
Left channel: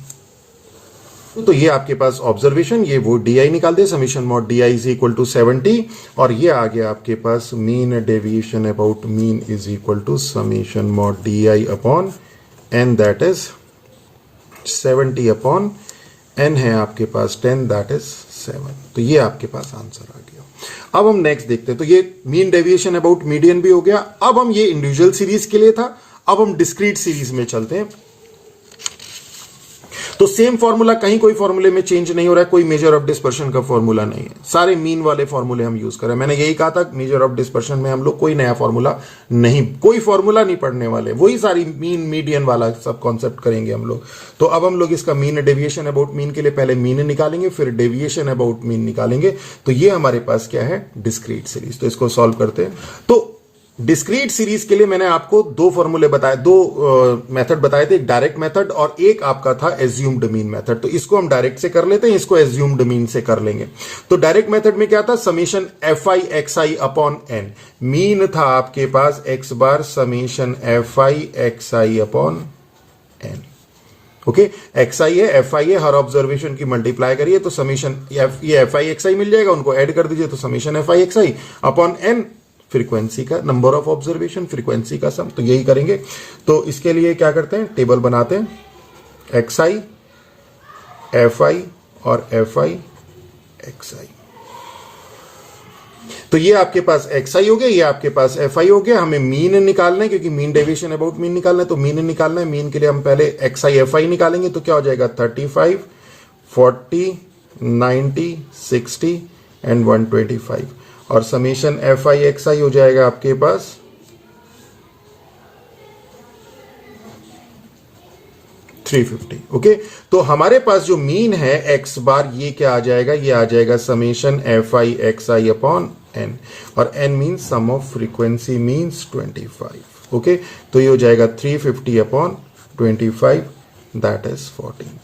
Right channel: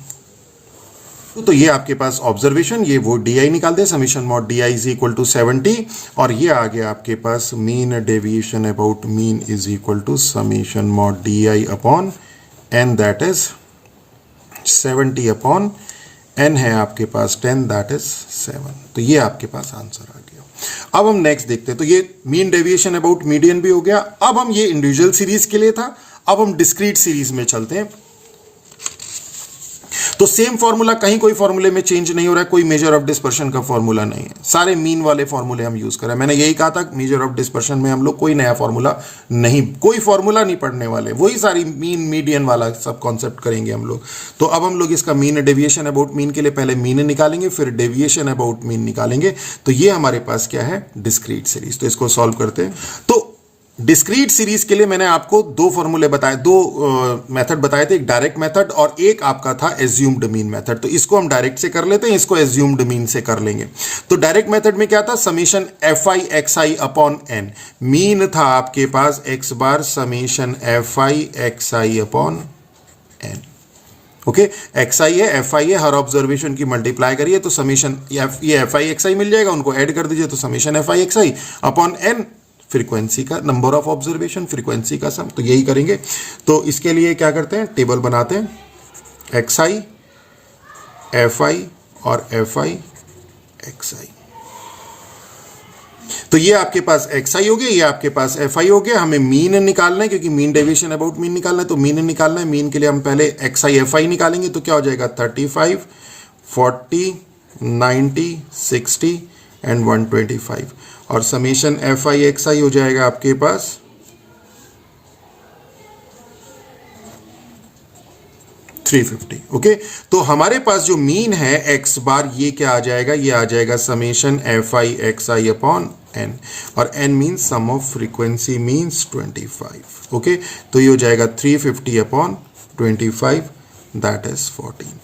तो ये आपके पास ऑब्जर्वेशन, ये वो डी आई निकाल दे, summation mod D I is equal to 70 और ये आ गया आपके पास mean deviation about mean is equal to summation mod D I upon n that is 70 upon n है आपके पास 10 दैट इज 7। तो ये आपके पास आंसर आ गया। अब हम नेक्स्ट देखते हैं। तो ये मीन डेविएशन अबाउट मीडियन भी हो गया। अब हम ये इंडिविजुअल सीरीज के लिए था, अब हम डिस्क्रीट सीरीज में चलते हैं। तो सेम फॉर्मूला, कहीं कोई फॉर्मूले में चेंज नहीं हो रहा है, कोई मेजर ऑफ डिस्पर्शन का फॉर्मूला नहीं है, सारे मीन वाले फॉर्मूले हम यूज कर रहे हैं। मैंने यही कहा था मेजर ऑफ डिस्पर्शन में हम लोग कोई नया फॉर्मूला नहीं, कोई फॉर्मूला नहीं पढ़ने वाले, वही सारी मीन मीडियन वाला सब कॉन्सेप्ट करेंगे हम लोग। तो अब हम लोग इसका मीन डेविएशन अबाउट मीन के लिए पहले मीन निकालेंगे, फिर डेविएशन अबाउट मीन निकालेंगे। तो ये हमारे पास क्या है, डिस्क्रीट सीरीज। तो इसको सॉल्व करते हैं। तो डिस्क्रीट सीरीज के लिए मैंने आपको दो फॉर्मूले बताए, दो मेथड बताए थे, एक डायरेक्ट मेथड और एक आपका था एज्यूम्ड मीन मेथड। तो इसको हम डायरेक्ट से कर लेते हैं, इसको एज्यूम्ड मीन से कर लेंगे। तो डायरेक्ट मेथड में क्या था, summation F I x I upon N, mean था आपके पास x bar summation F I x I upon N. Okay, x i है, एफ आई है, हर ऑब्जर्वेशन की मल्टीप्लाई करिए तो समीशन ये एफ आई एक्स आई मिल जाएगा, उनको ऐड कर दीजिए तो summation F I x I upon N, frequency का, नंबर ऑफ ऑब्जर्वेशन, फ्रीक्वेंसी का सम। तो यही करेंगे। तो इसके लिए क्या करते हैं, टेबल बनाते हैं, एक्स आई एफ आई और एफ आई एक्स आई। तो ये आपके पास एक्स आई हो गया, ये आपके पास एफ आई हो गया। हमें मीन निकालना है क्योंकि मीन डेविएशन अबाउट मीन निकालना है। तो मीन निकालना है, मीन के लिए हम पहले एक्स आई एफ आई निकालेंगे। तो क्या हो जाएगा, 35 40 90 60 एंड 125 और समीशन एफ आई एक्स आई हो जाएगा आपके पास 350। ओके, तो हमारे पास जो मीन है एक्स बार, ये क्या आ जाएगा, ये आ जाएगा summation F I x I upon N, और n means sum of frequency means 25। Okay, तो ये हो जाएगा 350 अपॉन 25 दैट इज 14।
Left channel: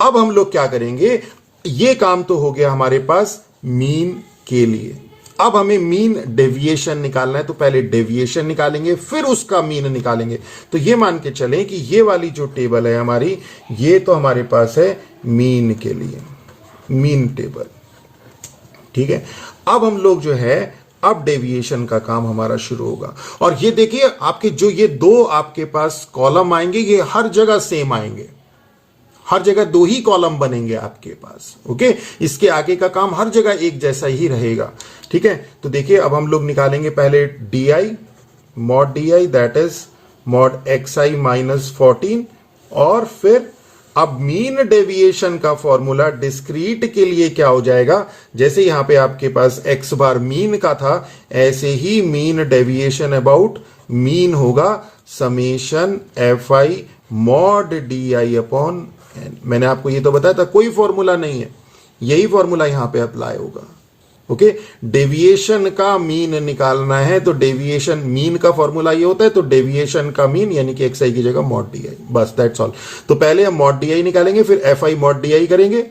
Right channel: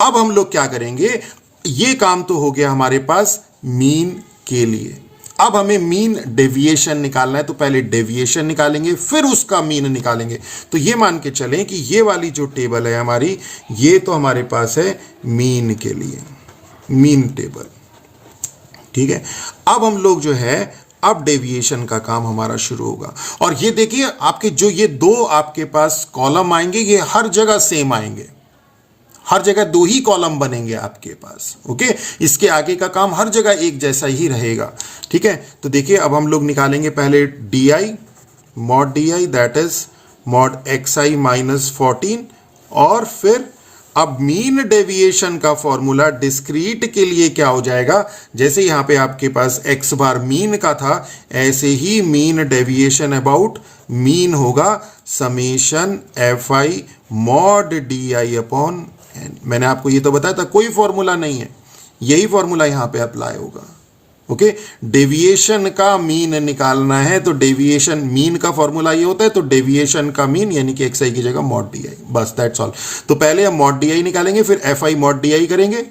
अब हम लोग क्या करेंगे, ये काम तो हो गया हमारे पास मीन के लिए। अब हमें मीन डेविएशन निकालना है, तो पहले डेविएशन निकालेंगे फिर उसका मीन निकालेंगे। तो ये मान के चलें कि ये वाली जो टेबल है हमारी, ये तो हमारे पास है मीन के लिए, मीन टेबल। ठीक है, अब हम लोग जो है, अब डेविएशन का काम हमारा शुरू होगा। और ये देखिए आपके जो ये दो आपके पास कॉलम आएंगे, ये हर जगह सेम आएंगे, हर जगह दो ही कॉलम बनेंगे आपके पास। ओके, इसके आगे का काम हर जगह एक जैसा ही रहेगा। ठीक है, तो देखिए अब हम लोग निकालेंगे पहले D I, mod D I that is mod x I minus 14, और फिर अब मीन डेविएशन का फॉर्मूला डिस्क्रीट के लिए क्या हो जाएगा, जैसे यहां पे आपके पास एक्स बार मीन का था, ऐसे ही मीन डेविएशन अबाउट मीन होगा summation F I mod D I upon N. मैंने आपको ये तो बताया था कोई फॉर्मूला नहीं है, यही फॉर्मूला यहां पे अप्लाई होगा। ओके, डेविएशन का मीन निकालना है तो डेविएशन मीन का फॉर्मूला ये होता है, तो डेविएशन का मीन यानी कि एक्स आई की जगह मॉड डी आई, बस दैट्स ऑल। तो पहले हम मॉड डी आई निकालेंगे, फिर F I mod D I करेंगे।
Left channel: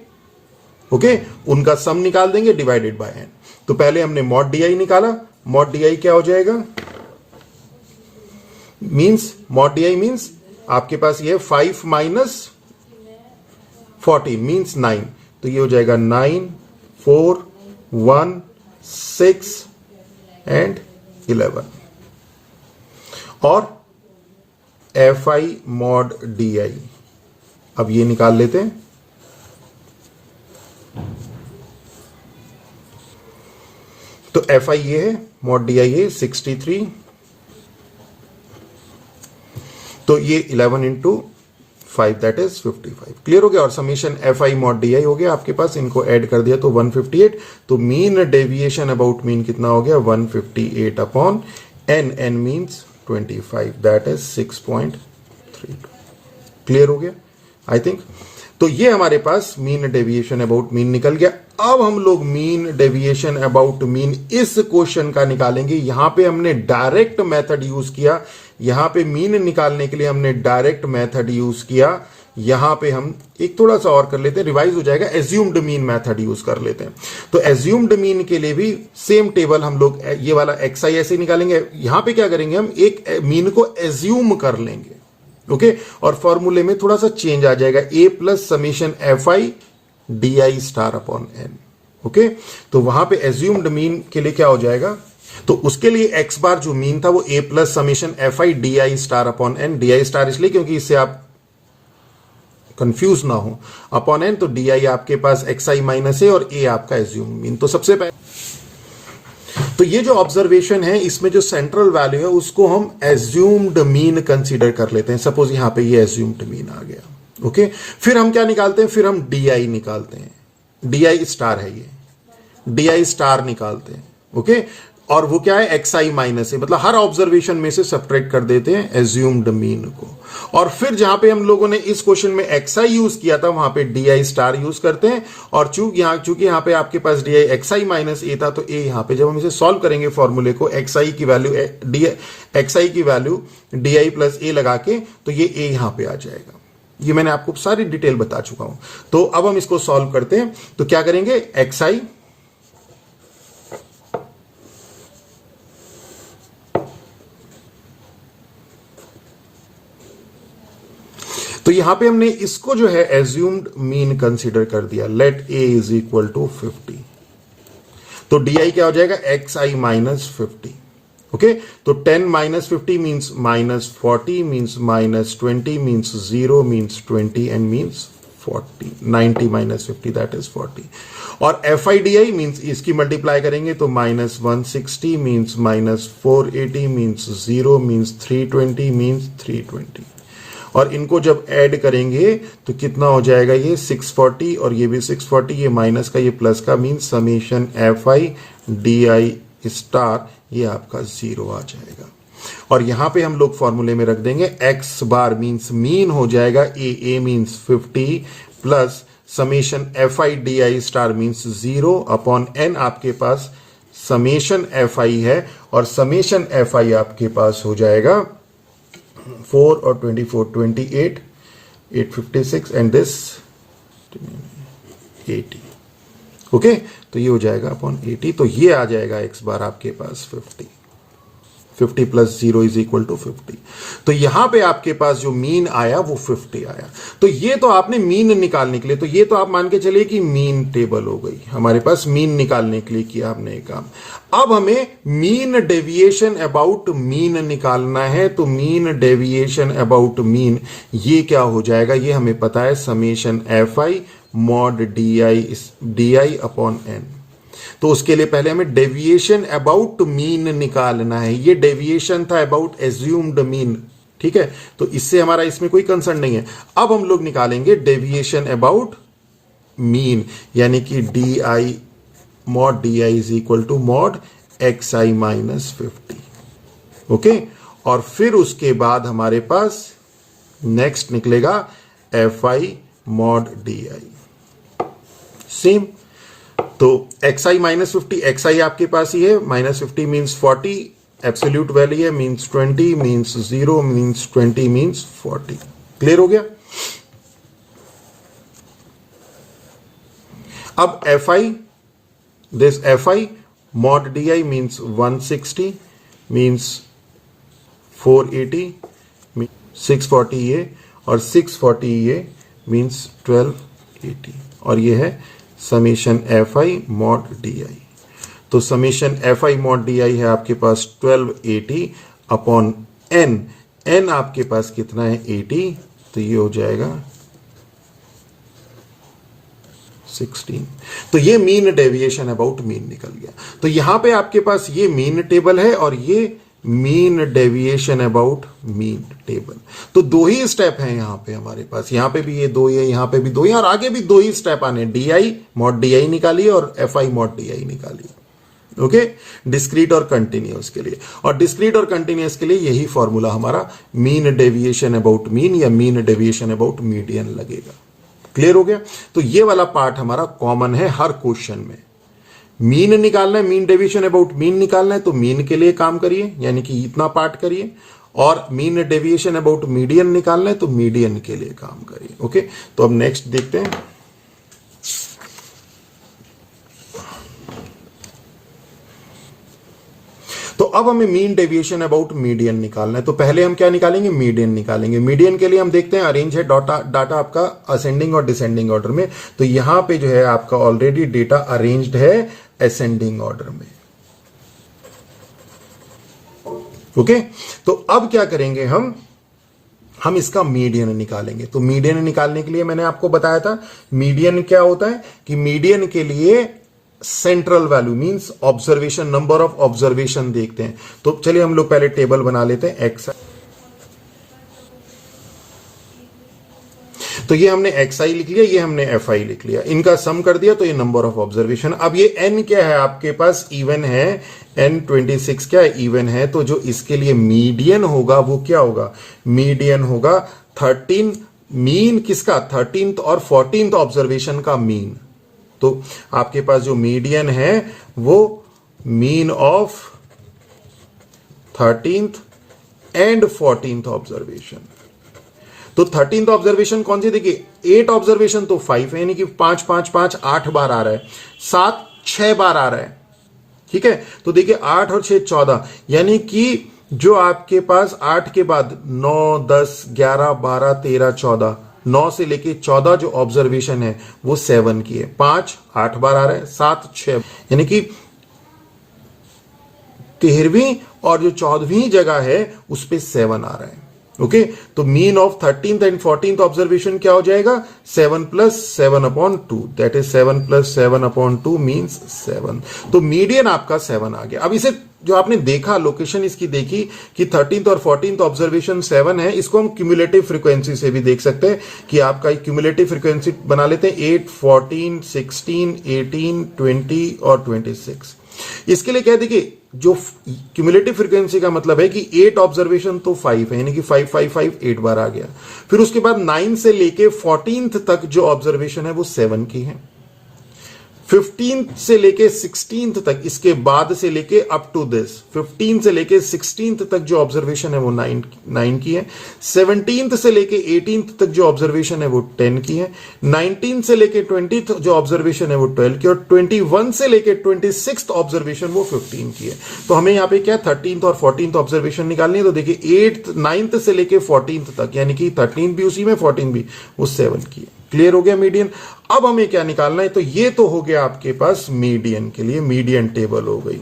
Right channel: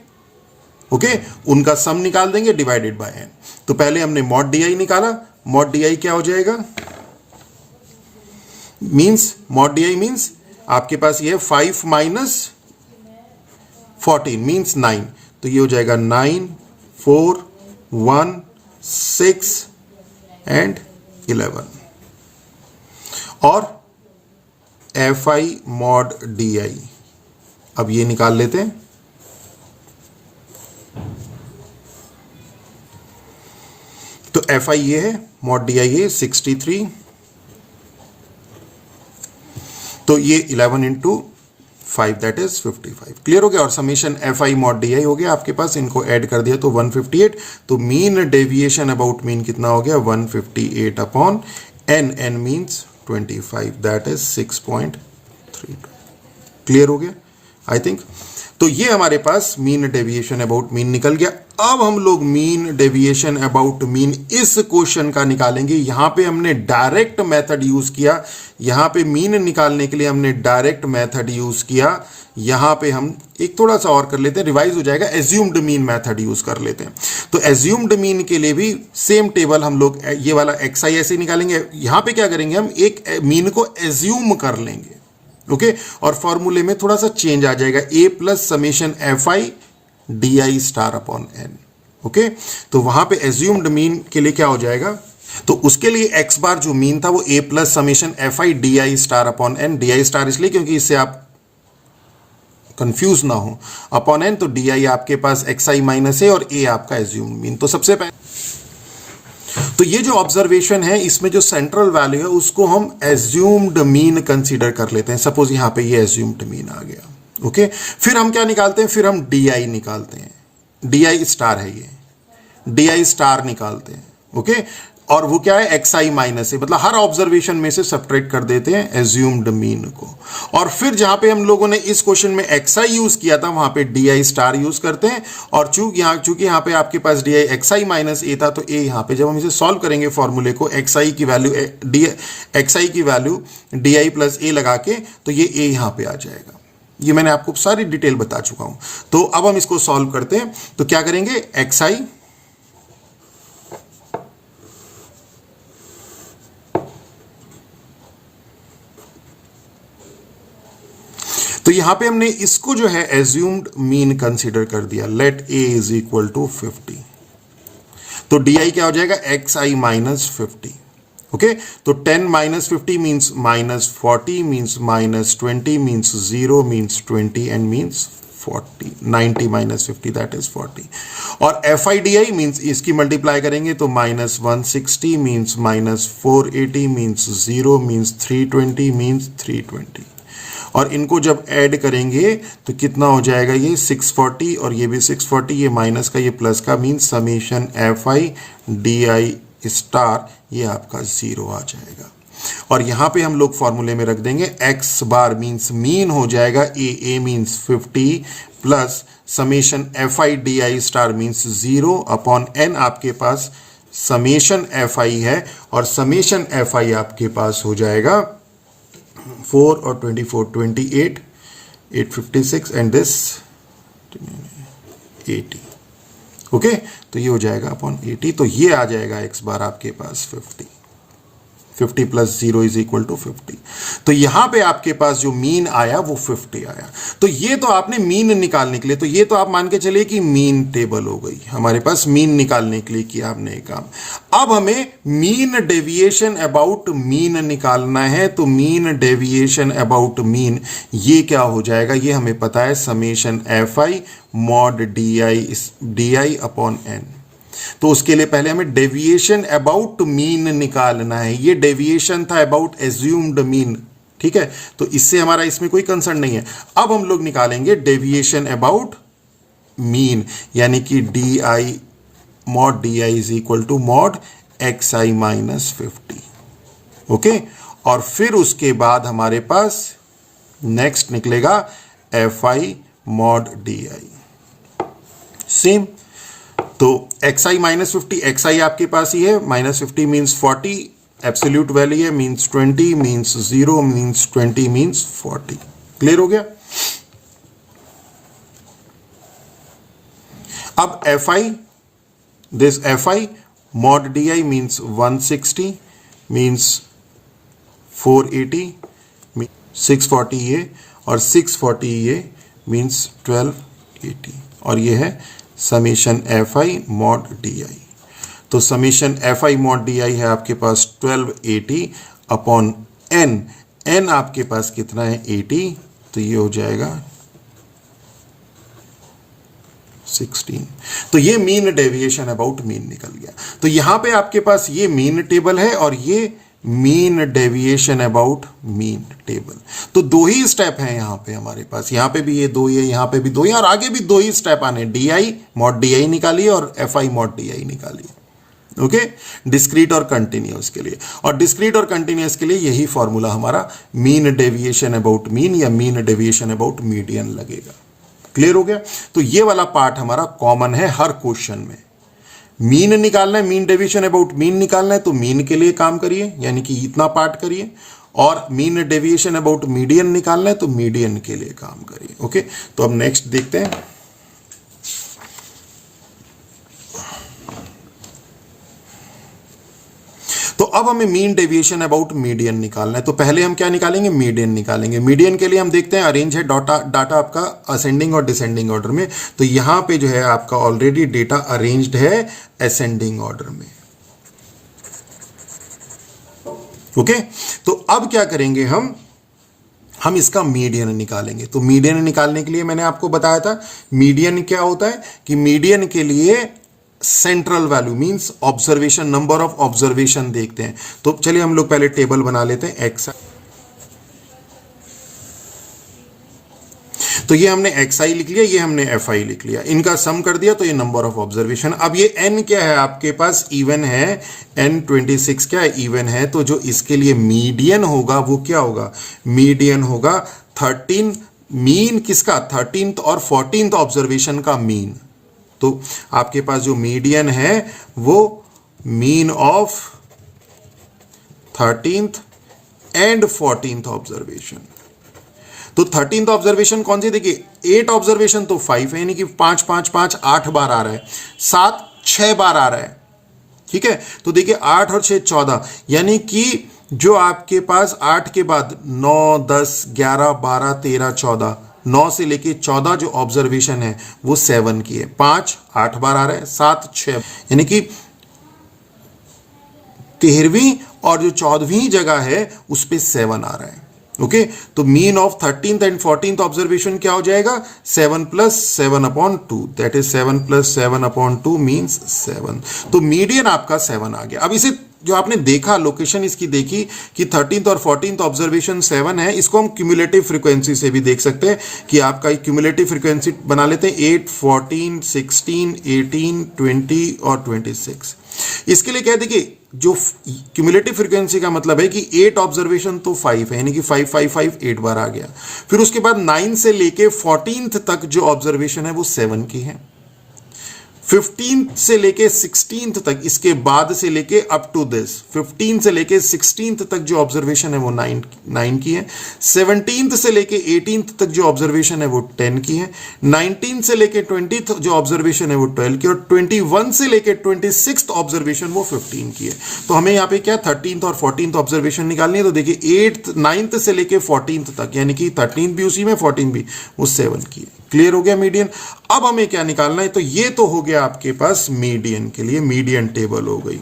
ओके, उनका सम निकाल देंगे डिवाइडेड बाय n। तो पहले हमने मॉड डी आई निकाला, मॉड डी आई क्या हो जाएगा, means mod D I means आपके पास ये 5 माइनस 14 मीन्स 9, तो ये हो जाएगा 9 4 1 6 एंड 11 और F I mod D I. अब ये निकाल लेते हैं, तो एफ आई ये है, मॉड डी आई है 63, तो ये 11 इंटू 5 दैट इज 55। क्लियर हो गया। और summation F I mod D I हो गया आपके पास, इनको ऐड कर दिया तो 158। तो मीन डेविएशन अबाउट मीन कितना हो गया, 158 upon N, N means 25 that is 6.32। Clear हो गया आई थिंक। तो ये हमारे पास मीन डेविएशन अबाउट मीन निकल गया। अब हम लोग मीन डेविएशन अबाउट मीन इस क्वेश्चन का निकालेंगे। यहां पे हमने डायरेक्ट मेथड यूज किया, यहां पे मीन निकालने के लिए हमने डायरेक्ट मेथड यूज किया। यहां पे हम एक थोड़ा सा और कर लेते हैं, रिवाइज हो जाएगा, एज्यूम्ड मीन मेथड यूज कर लेते हैं। तो एज्यूम्ड मीन के लिए भी सेम टेबल हम लोग ये वाला एक्स आई ऐसे निकालेंगे। यहां पे क्या करेंगे, हम एक मीन को एज्यूम कर लेंगे, ओके, और फॉर्मूले में थोड़ा सा चेंज आ जाएगा, a plus summation F i d i star upon N. Okay, तो वहां पे एज्यूम्ड मीन के लिए क्या हो जाएगा, तो उसके लिए एक्स बार जो मीन था वो a plus summation F i d i star upon n. D i star इसलिए क्योंकि इससे आप कंफ्यूज ना हो, अपॉन एन, तो डी आई आपके पास एक्स आई माइनस ए और ए आपका एज्यूम्ड मीन। तो सबसे पहले तो ये जो ऑब्जर्वेशन है इसमें जो सेंट्रल वैल्यू है उसको हम एज्यूम्ड मीन कंसीडर कर लेते हैं। सपोज यहां पे ये एज्यूम्ड मीन आ गया, ओके। फिर हम क्या निकालते हैं, फिर हम डी आई निकालते हैं, डी आई स्टार है ये, डी आई स्टार निकालते हैं, ओके। और वो क्या है, एक्स आई माइनस है, मतलब हर ऑब्जर्वेशन में से सब्ट्रैक्ट कर देते हैं एज्यूम्ड मीन को। और फिर जहां पे हम लोगों ने इस क्वेश्चन में एक्स आई यूज किया था वहां पे डी आई स्टार यूज करते हैं। और चूंकि यहां पे आपके पास d I x I minus a था, तो ए यहां पे जब हम इसे सॉल्व करेंगे फॉर्मूले को, एक्स आई की वैल्यू एक्स आई की वैल्यू डी आई प्लस ए लगा के, तो ये ए यहां पे आ जाएगा। ये मैंने आपको सारी डिटेल बता चुका हूं। तो अब हम इसको सॉल्व करते हैं, तो क्या करेंगे, एक्स आई तो यहां पे हमने इसको जो है एज्यूम्ड मीन कंसीडर कर दिया, let A is equal to 50। तो डी आई क्या हो जाएगा, एक्स आई माइनस 50, ओके। तो 10 minus 50 means minus 40 means minus 20 means 0 means 20 and means 40। 90 minus 50 that is 40। और F i d I means इसकी मल्टीप्लाई करेंगे तो minus 160 means minus 480 means 0 means 320 means 320। और इनको जब ऐड करेंगे तो कितना हो जाएगा, ये 640 और ये भी 640, ये माइनस का ये प्लस का, means summation F i d i star ये आपका 0 आ जाएगा। और यहां पे हम लोग फॉर्मूले में रख देंगे एक्स बार मीन्स मीन हो जाएगा a means 50 plus summation F i d i star means 0 upon n आपके पास समेशन एफ आई है, और समेशन एफ आई आपके पास हो जाएगा 4 और 24 28 856 एंड दिस 80, ओके। तो ये हो जाएगा अपॉन 80, तो ये आ जाएगा एक्स बार आपके पास 50 प्लस 0 इज इक्वल टू 50। तो यहां पे आपके पास जो मीन आया वो 50 आया। तो ये तो आपने मीन निकालने के लिए, तो ये तो आप मान के चलिए कि मीन टेबल हो गई हमारे पास, मीन निकालने के लिए किया हमने एक काम। अब हमें मीन डेविएशन अबाउट मीन निकालना है। तो मीन डेविएशन अबाउट मीन ये क्या हो जाएगा, ये हमें पता है, summation F I mod D I upon N. तो उसके लिए पहले हमें डेविएशन अबाउट मीन निकालना है। ये डेविएशन था अबाउट एज्यूम्ड मीन, ठीक है। तो इससे हमारा इसमें कोई कंसर्न नहीं है। अब हम लोग निकालेंगे डेविएशन अबाउट मीन, यानी कि D I mod D I is equal to mod x I minus 50, okay. और फिर उसके बाद हमारे पास नेक्स्ट निकलेगा F I mod D I, same. तो X I minus 50, X I आपके पास ही है, माइनस 50 मीन्स 40, एब्सोल्यूट वैल्यू है, means 20 means 0 means 20 means 40। Clear हो गया। अब F I, this F I mod D I means 160 means 480 640 ये, और 640 ये मीन्स 1280, और ये है summation F I mod D i. तो summation F I mod D i है आपके पास 1280 अपॉन एन, एन आपके पास कितना है 80, तो ये हो जाएगा 16। तो ये मीन डेविएशन अबाउट मीन निकल गया। तो यहां पे आपके पास ये मीन टेबल है और ये mean deviation about mean table. तो दो ही स्टेप हैं यहां पे हमारे पास, यहां पे भी ये दो ही है, यहां पे भी दो ही, और आगे भी दो ही स्टेप आने, d I mod D i निकालिए और F I mod D i निकालिए। ओके, डिस्क्रीट और कंटिन्यूअस के लिए, और डिस्क्रीट और कंटिन्यूअस के लिए यही फॉर्मूला हमारा मीन डेविएशन अबाउट मीन या मीन डेविएशन अबाउट मीडियन लगेगा। क्लियर हो गया? तो ये वाला पार्ट हमारा कॉमन है हर क्वेश्चन में। मीन निकालना है, मीन डेविएशन अबाउट मीन निकालना है, तो मीन के लिए काम करिए, यानी कि इतना पार्ट करिए, और मीन डेविएशन अबाउट मीडियन निकालना है तो मीडियन के लिए काम करिए। ओके, तो अब नेक्स्ट देखते हैं। तो अब हमें मीन डेविएशन अबाउट मीडियन निकालना है। तो पहले हम क्या निकालेंगे? मीडियन निकालेंगे। मीडियन के लिए हम देखते हैं, अरेंज है डाटा आपका असेंडिंग और डिसेंडिंग ऑर्डर में। तो यहां पे जो है आपका ऑलरेडी डेटा अरेंज्ड है असेंडिंग ऑर्डर में। ओके, तो अब क्या करेंगे हम इसका मीडियन निकालेंगे। तो मीडियन निकालने के लिए मैंने आपको बताया था, मीडियन क्या होता है कि मीडियन के लिए central value means observation, number of observation देखते हैं। तो चलिए हम लोग पहले टेबल बना लेते हैं एक्स। तो ये हमने एक्स आई लिख लिया, ये हमने एफ आई लिख लिया, इनका सम कर दिया तो ये नंबर ऑफ ऑब्जर्वेशन। अब ये एन क्या है आपके पास? इवन है, एन 26 क्या है? इवन है। तो जो इसके लिए मीडियन होगा वो क्या होगा? मीडियन होगा 13, मीन किसका? 13th और 14th ऑब्जर्वेशन का मीन। तो आपके पास जो मीडियन है वो mean of 13th and 14th observation. तो 13th ऑब्जर्वेशन कौन सी? देखिए 8 ऑब्जर्वेशन तो 5 है, यानी कि 5 5 5 8 बार आ रहा है, 7 6 बार आ रहा है। ठीक है, तो देखिए 8 और 6 14, यानी कि जो आपके पास 8 के बाद 9 10 11 12 13 14, 9 से लेके 14 जो ऑब्जर्वेशन है वो 7 की है। 5 8 बार आ रहा है, 7 6, यानी कि 13वीं और जो 14वीं जगह है उस पे 7 आ रहा है। ओके, तो mean of 13th and 14th observation क्या हो जाएगा? 7 + 7 upon 2, that is 7 + 7 upon 2 means 7। तो मीडियन आपका 7 आ गया। अब इसे जो आपने देखा, लोकेशन इसकी देखी कि 13th और 14th ऑब्जर्वेशन 7 है, इसको हम क्यूमुलेटिव फ्रीक्वेंसी से भी देख सकते हैं कि आपका एक क्यूमुलेटिव फ्रीक्वेंसी बना लेते हैं 8 14 16 18 20 और 26। इसके लिए क्या, देखिए जो क्यूमुलेटिव फ्रीक्वेंसी का मतलब है कि 8 ऑब्जर्वेशन तो 5 है, यानी कि 5 5 5 8 बार आ गया। फिर उसके बाद 9 से लेके 14th तक जो ऑब्जर्वेशन है वो 7 की है। 15th से लेके 16th तक, इसके बाद से लेके अप टू दिस 15 से लेके 16th तक जो ऑब्जर्वेशन है वो 9 की है। 17th से लेके 18th तक जो ऑब्जर्वेशन है वो 10 की है। 19 से लेके 20th जो ऑब्जर्वेशन है वो 12 की, और 21 से लेके 26th ऑब्जर्वेशन वो 15 की है। तो हमें यहाँ पे क्या 13th और 14th ऑब्जर्वेशन निकालनी है। तो देखिए 9th से लेके 14th तक, यानी कि 13th भी उसी में 14 भी, वो 7 की है। क्लियर हो गया मीडियन? अब हमें क्या निकालना है? तो ये तो हो गया आपके पास मीडियन के लिए, मीडियन टेबल हो गई।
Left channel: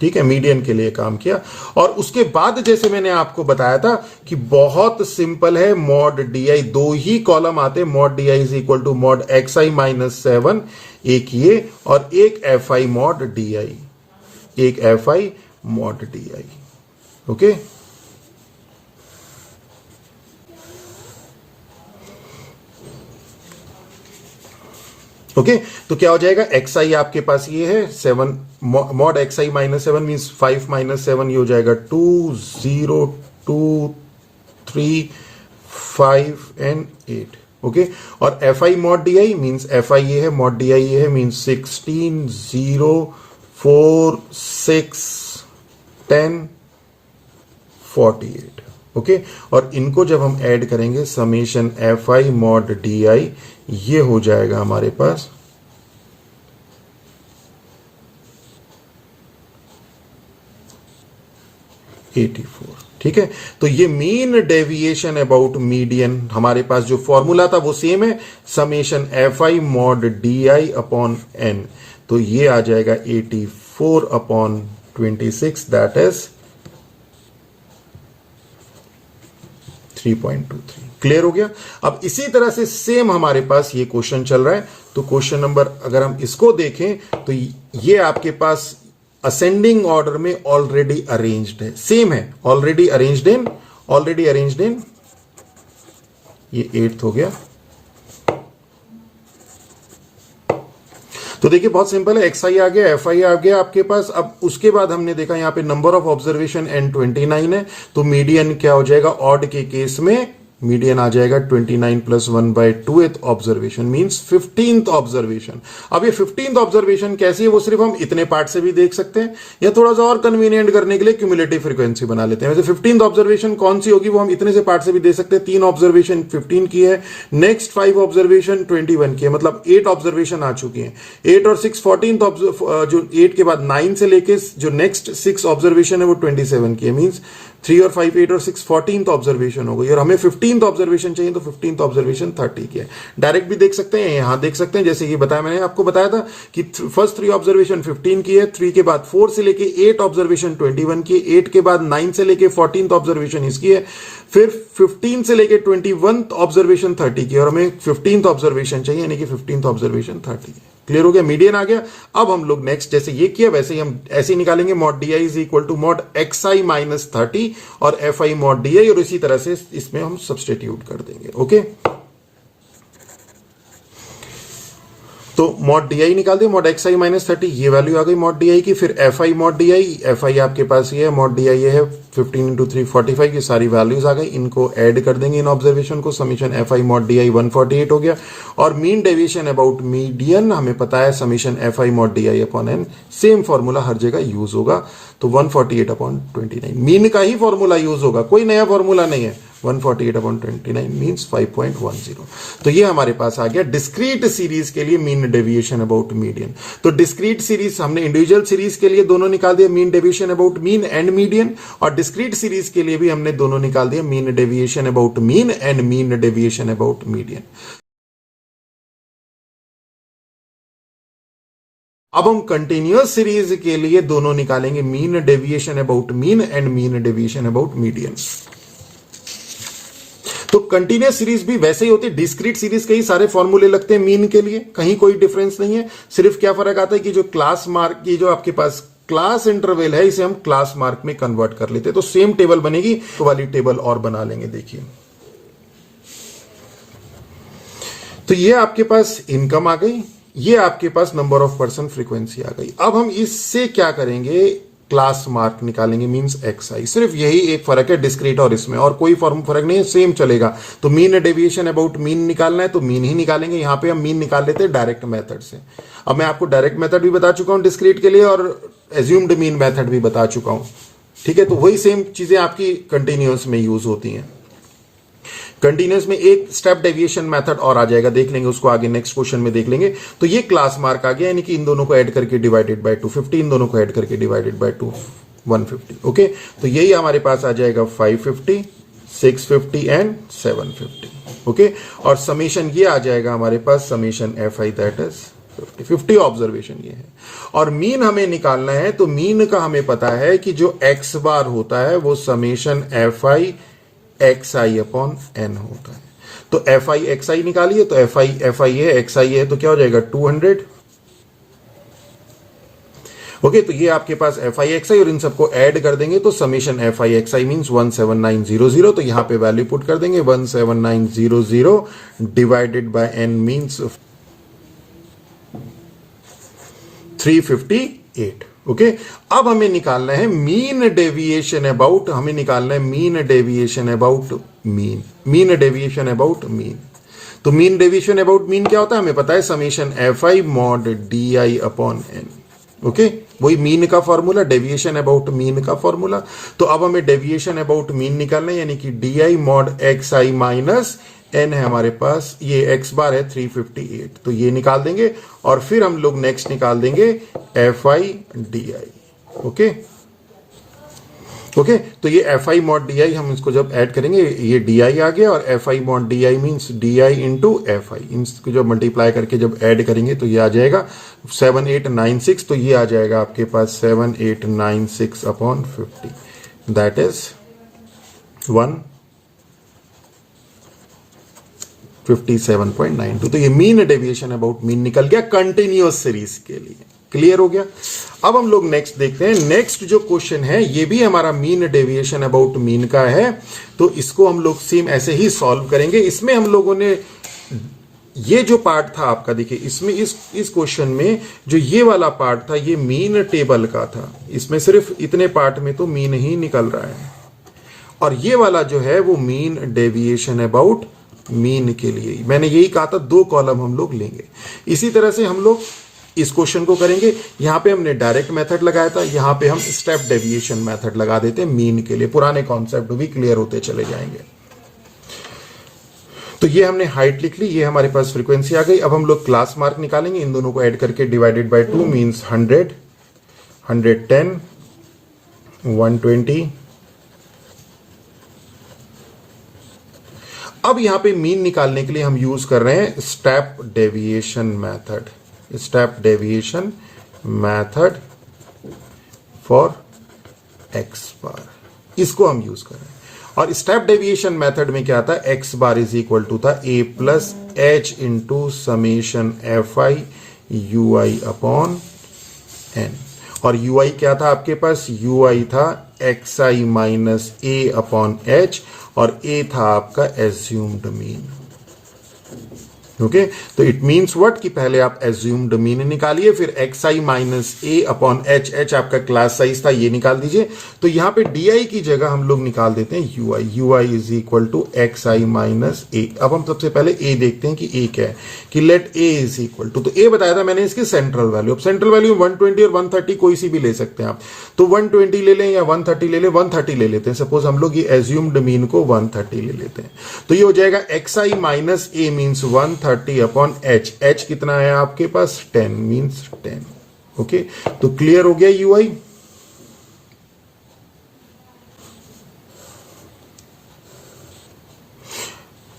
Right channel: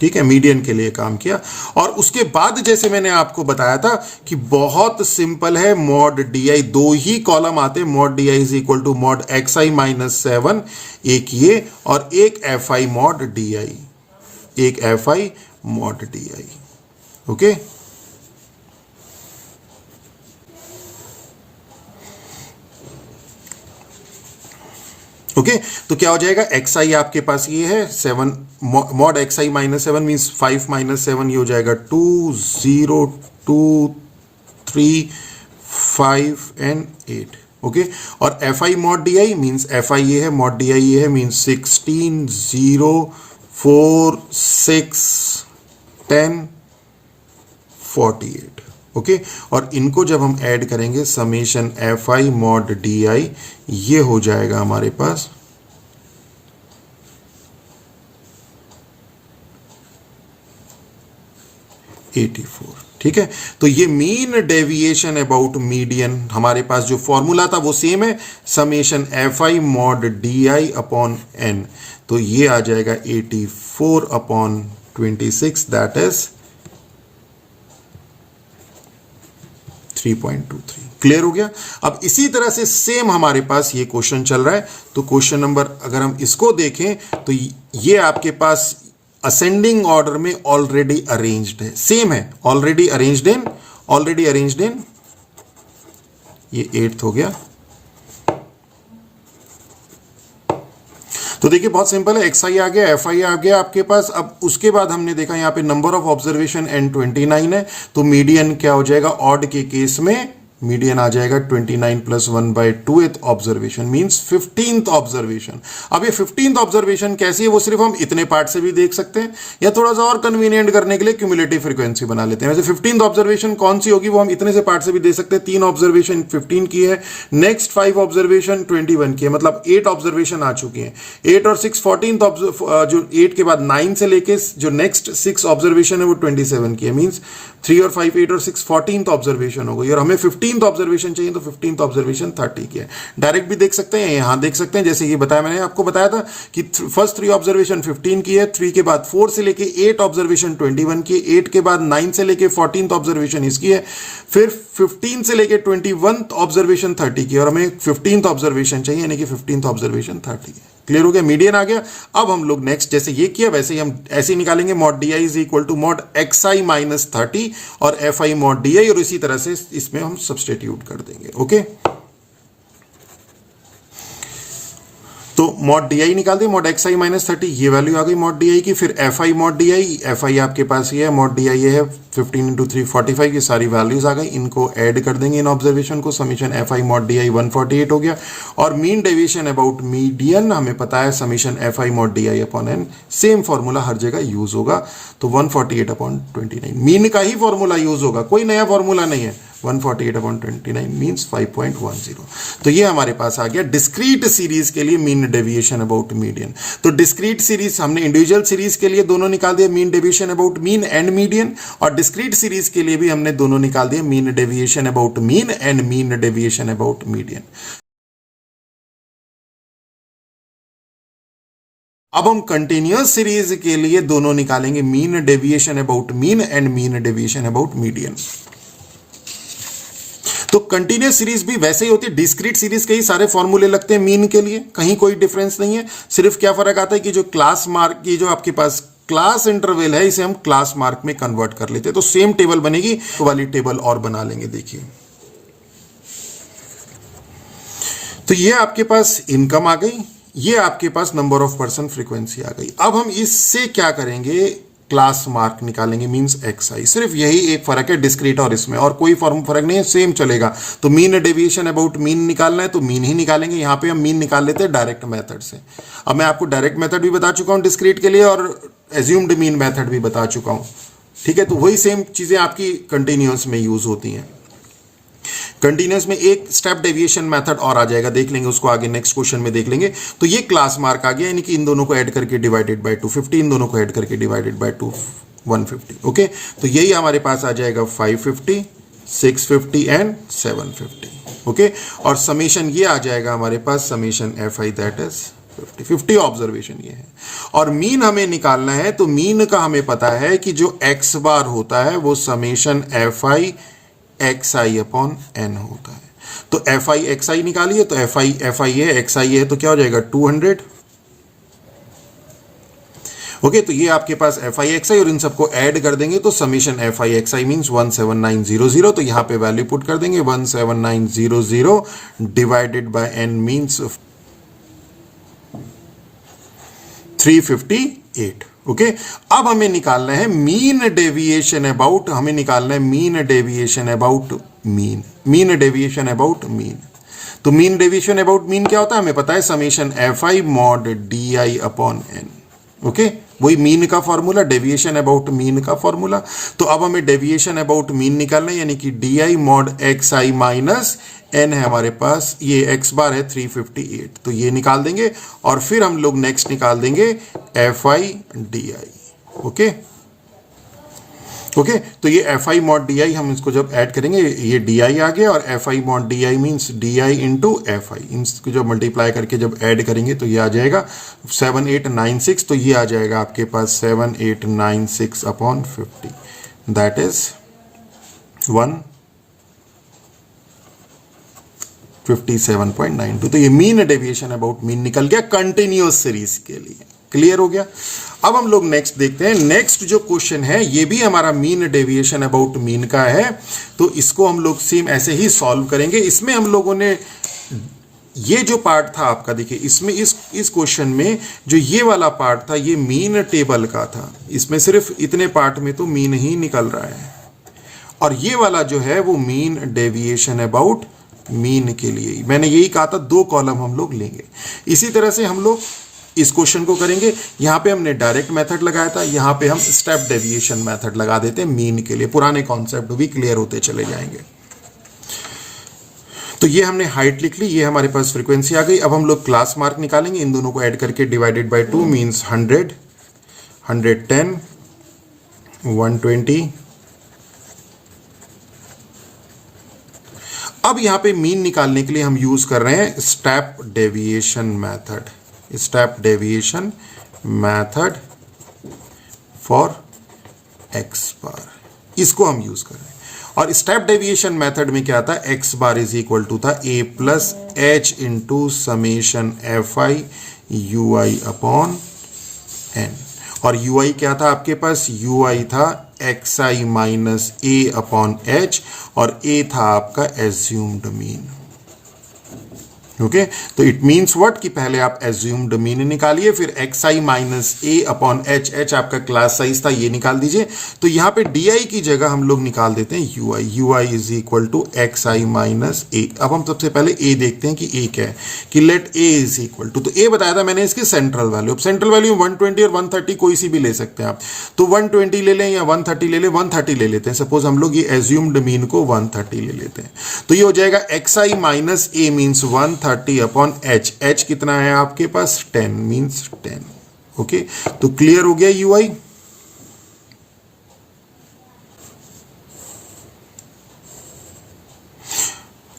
ठीक है, मीडियन के लिए काम किया। और उसके बाद जैसे मैंने आपको बताया था कि बहुत सिंपल है, मॉड डी आई, दो ही कॉलम आते हैं, mod D I is equal to mod x I minus 7, एक ये और एक f I mod D i, एक f I mod D i. Okay, okay, तो क्या हो जाएगा? एक्स आई आपके पास ये है 7, मॉड एक्स आई माइनस 7 मीन्स 5 माइनस 7, ये हो जाएगा 2 0 2 3 5 एंड 8। ओके, और F I mod D I means f i ये है, मॉड डी आई ये है, मीन्स 16 0 4 6 10 48। ओके, और इनको जब हम ऐड करेंगे summation F I mod D i, ये हो जाएगा हमारे पास 84। ठीक है, तो ये मीन डेविएशन अबाउट मीडियन, हमारे पास जो फॉर्मूला था वो सेम है, summation F I mod D I upon N, तो ये आ जाएगा 84 अपॉन 26, दैट इज 3.23। क्लियर हो गया। अब इसी तरह से सेम हमारे पास ये क्वेश्चन चल रहा है, तो क्वेश्चन नंबर अगर हम इसको देखें तो ये आपके पास असेंडिंग ऑर्डर में ऑलरेडी अरेंज्ड है, सेम है, ऑलरेडी अरेंज्ड इन, ये 8th हो गया। तो देखिए बहुत सिंपल है, एक्स आई आ गया, एफ आई आ गया आपके पास। अब उसके बाद हमने देखा यहां पे नंबर ऑफ ऑब्जर्वेशन N29 है, तो मीडियन क्या हो जाएगा, ऑड के केस में मीडियन आ जाएगा 29 + 1/2 ऑब्जर्वेशन मींस 15th ऑब्जर्वेशन। अब ये 15th ऑब्जर्वेशन कैसी है वो सिर्फ हम इतने पार्ट से भी देख सकते हैं, या थोड़ा सा और कन्वीनियंट करने के लिए क्यूमुलेटिव फ्रीक्वेंसी बना लेते हैं। वैसे 15th ऑब्जर्वेशन कौन सी होगी वो हम इतने से पार्ट से भी दे सकते हैं। 3 ऑब्जर्वेशन 15 की है, नेक्स्ट 5 ऑब्जर्वेशन 21 की है, मतलब 8 ऑब्जर्वेशन आ चुकी है। 8 और 6 14th, जो 8 के बाद 9 से लेके जो नेक्स्ट 6 ऑब्जर्वेशन है वो 27 की है, मींस 3 और 5 8 और 6 14th ऑब्जर्वेशन हो गई, और हमें 15th ऑब्जर्वेशन चाहिए तो 15th ऑब्जर्वेशन 30 की है। डायरेक्ट भी देख सकते हैं, यहां देख सकते हैं, जैसे ये बताया, मैंने आपको बताया था कि फर्स्ट 3 ऑब्जर्वेशन 15 की है, 3 के बाद 4 से लेके 8 ऑब्जर्वेशन 21 की है, 8 के बाद 9 से लेके 14th ऑब्जर्वेशन इसकी है, फिर 15 से लेके 21th ऑब्जर्वेशन 30 की, और हमें 15th ऑब्जर्वेशन चाहिए, यानी कि 15th ऑब्जर्वेशन 30 है। क्लियर हो गया, मीडियन आ गया। अब हम लोग नेक्स्ट जैसे ये किया वैसे ही हम ऐसे ही निकालेंगे, mod D I is equal to mod x I minus 30 और F I mod D I, और इसी तरह से इसमें हम सब्सटीट्यूट कर देंगे। ओके, तो मॉड डी आई निकाल दिया, मॉड एक्स आई माइनस 30, ये वैल्यू आ गई मॉड डी आई की। फिर F I mod D I, f आई आपके पास ये है, मॉड डी आई ये है 15 × 3 45, ये सारी वैल्यूज आ गई, इनको ऐड कर देंगे इन ऑब्जर्वेशन को, summation F I mod D I 148 हो गया। और मीन डेविएशन अबाउट मीडियन हमें पता है summation F I mod D I upon n, same formula हर जगह यूज होगा, तो 148 अपॉन 29 मीन का ही फॉर्मूला यूज होगा, कोई नया फॉर्मूला नहीं है। 148 अपॉन 29 मीन्स 5.10। तो ये हमारे पास आ गया डिस्क्रीट सीरीज के लिए मीन डेविएशन अबाउट मीडियन। तो डिस्क्रीट सीरीज हमने इंडिविजुअल सीरीज के लिए दोनों निकाल दिया, mean deviation about mean and median, और डिस्क्रीट सीरीज के लिए भी हमने दोनों निकाल दिया, mean deviation about mean and mean deviation about median. अब हम कंटिन्यूअस सीरीज के लिए दोनों निकालेंगे, mean deviation about mean and mean deviation about median. तो कंटिन्यूअस सीरीज भी वैसे ही होती है, डिस्क्रीट सीरीज के ही सारे फॉर्मूले लगते हैं मीन के लिए, कहीं कोई डिफरेंस नहीं है। सिर्फ क्या फर्क आता है कि जो क्लास मार्क की जो आपके पास क्लास इंटरवल है, इसे हम क्लास मार्क में कन्वर्ट कर लेते हैं, तो सेम टेबल बनेगी, तो वाली टेबल और बना लेंगे। देखिए, तो ये आपके पास इनकम आ गई, ये आपके पास नंबर ऑफ पर्सन फ्रीक्वेंसी आ गई। अब हम इससे क्या करेंगे, क्लास मार्क निकालेंगे, मींस एक्स आई। सिर्फ यही एक फर्क है डिस्क्रीट और इसमें, और कोई फर्क नहीं है, सेम चलेगा। तो मीन डेविएशन अबाउट मीन निकालना है तो मीन ही निकालेंगे, यहां पे हम मीन निकाल लेते हैं डायरेक्ट मेथड से। अब मैं आपको डायरेक्ट मेथड भी बता चुका हूं डिस्क्रीट के लिए, और एज्यूम्ड मीन मेथड भी बता चुका हूं। ठीक है, तो वही सेम चीजें आपकी कंटिन्यूअस में यूज होती हैं। कंटिन्यूअस में एक स्टेप डेविएशन मेथड और आ जाएगा, देख लेंगे उसको आगे नेक्स्ट क्वेश्चन में देख लेंगे। तो ये क्लास मार्क आ गया, यानी कि इन दोनों को ऐड करके डिवाइडेड बाय 250, इन दोनों को ऐड करके डिवाइडेड बाय 150। ओके, तो यही हमारे पास आ जाएगा 550, 650 एंड 750। ओके, और समेशन ये आ जाएगा हमारे पास, summation F i that is 50 observation ये है। और मीन हमें निकालना है, तो मीन का हमें पता है कि जो एक्स बार होता है वो summation F I x I upon N होता है। तो एफ आई एक्स आई निकालिए, तो एफ आई है, एक्स आई है, तो क्या हो जाएगा 200। ओके, तो ये आपके पास एफ आई एक्स आई, और इन सबको ऐड कर देंगे तो summation F I x I means 17900। तो यहां पे वैल्यू पुट कर देंगे 17900 divided by N means 358। Okay, अब हमें निकालना है मीन डेविएशन अबाउट, हमें निकालना है mean deviation about mean, mean deviation about mean. तो मीन डेविएशन अबाउट मीन क्या होता है, हमें पता है summation F I mod D I upon N. Okay, वही मीन का फॉर्मूला, डेविएशन अबाउट मीन का फॉर्मूला। तो अब हमें डेविएशन अबाउट मीन निकालना है, यानी कि डी आई मॉड एक्स आई माइनस एन है हमारे पास, ये एक्स बार है 358, तो ये निकाल देंगे और फिर हम लोग नेक्स्ट निकाल देंगे F i d i. Okay okay, तो ये F I mod D I हम इसको जब ऐड करेंगे, ये डी आई आ गया और F I mod D I means D I into F I, इनको जब मल्टीप्लाई करके जब ऐड करेंगे तो ये आ जाएगा 7896, तो ये आ जाएगा आपके पास 7896 अपॉन 50, दैट इज 157.92। तो ये मीन डेविएशन अबाउट मीन निकल गया कंटिन्यूअस सीरीज के लिए। क्लियर हो गया। अब हम लोग नेक्स्ट देखते हैं। नेक्स्ट जो क्वेश्चन है ये भी हमारा मीन डेविएशन अबाउट मीन का है, तो इसको हम लोग सेम ऐसे ही सॉल्व करेंगे। इसमें हम लोगों ने ये जो पार्ट था आपका, देखिए इसमें इस क्वेश्चन में जो ये वाला पार्ट था ये मीन टेबल का था, इसमें सिर्फ इतने पार्ट में तो मीन ही निकल रहा है, और ये वाला जो है वो मीन डेविएशन अबाउट मीन के लिए। मैंने यही कहा था 2 कॉलम हम लोग लेंगे। इसी तरह से हम लोग इस क्वेश्चन को करेंगे। यहां पे हमने डायरेक्ट मेथड लगाया था, यहां पे हम स्टेप डेविएशन मेथड लगा देते हैं मीन के लिए। पुराने कॉन्सेप्ट भी क्लियर होते चले जाएंगे। तो ये हमने हाइट लिख ली, ये हमारे पास फ्रीक्वेंसी आ गई। अब हम लोग क्लास मार्क निकालेंगे, इन दोनों को ऐड करके डिवाइडेड बाय 2 मींस 100, 110, 120। अब यहां पे मीन निकालने के लिए हम यूज कर रहे हैं step deviation method, step deviation method for x bar, इसको हम यूज कर रहे हैं। और स्टेप डेविएशन मेथड में क्या था, x bar is equal to था a plus h into summation F i u i upon N. और यू आई क्या था आपके पास, यू आई था एक्स आई माइनस ए अपॉन एच, और ए था आपका एज्यूम्ड मीन। ओके, तो इट मीन्स व्हाट कि पहले आप एज्यूम्ड मीन निकालिए, फिर एक्स आई माइनस ए अपॉन एच, एच आपका क्लास साइज था, ये निकाल दीजिए। तो यहां पे डी आई की जगह हम लोग निकाल देते हैं u i, u i is equal to x I minus a. अब हम सबसे पहले ए देखते हैं कि ए क्या है, कि let A is equal to, तो ए बताया था मैंने इसकी सेंट्रल वैल्यू। अब सेंट्रल वैल्यू 120 और 130 कोई सी भी ले सकते हैं आप, तो 120 ले लें या 130 ले लें, 130 ले लेते हैं। सपोज हम लोग ये एज्यूम्ड मीन को 130 ले लेते हैं, तो ये हो जाएगा एक्स आई माइनस ए मीन्स 130 अपॉन एच, एच कितना है आपके पास 10 मीन्स 10। ओके, तो क्लियर हो गया यू आई।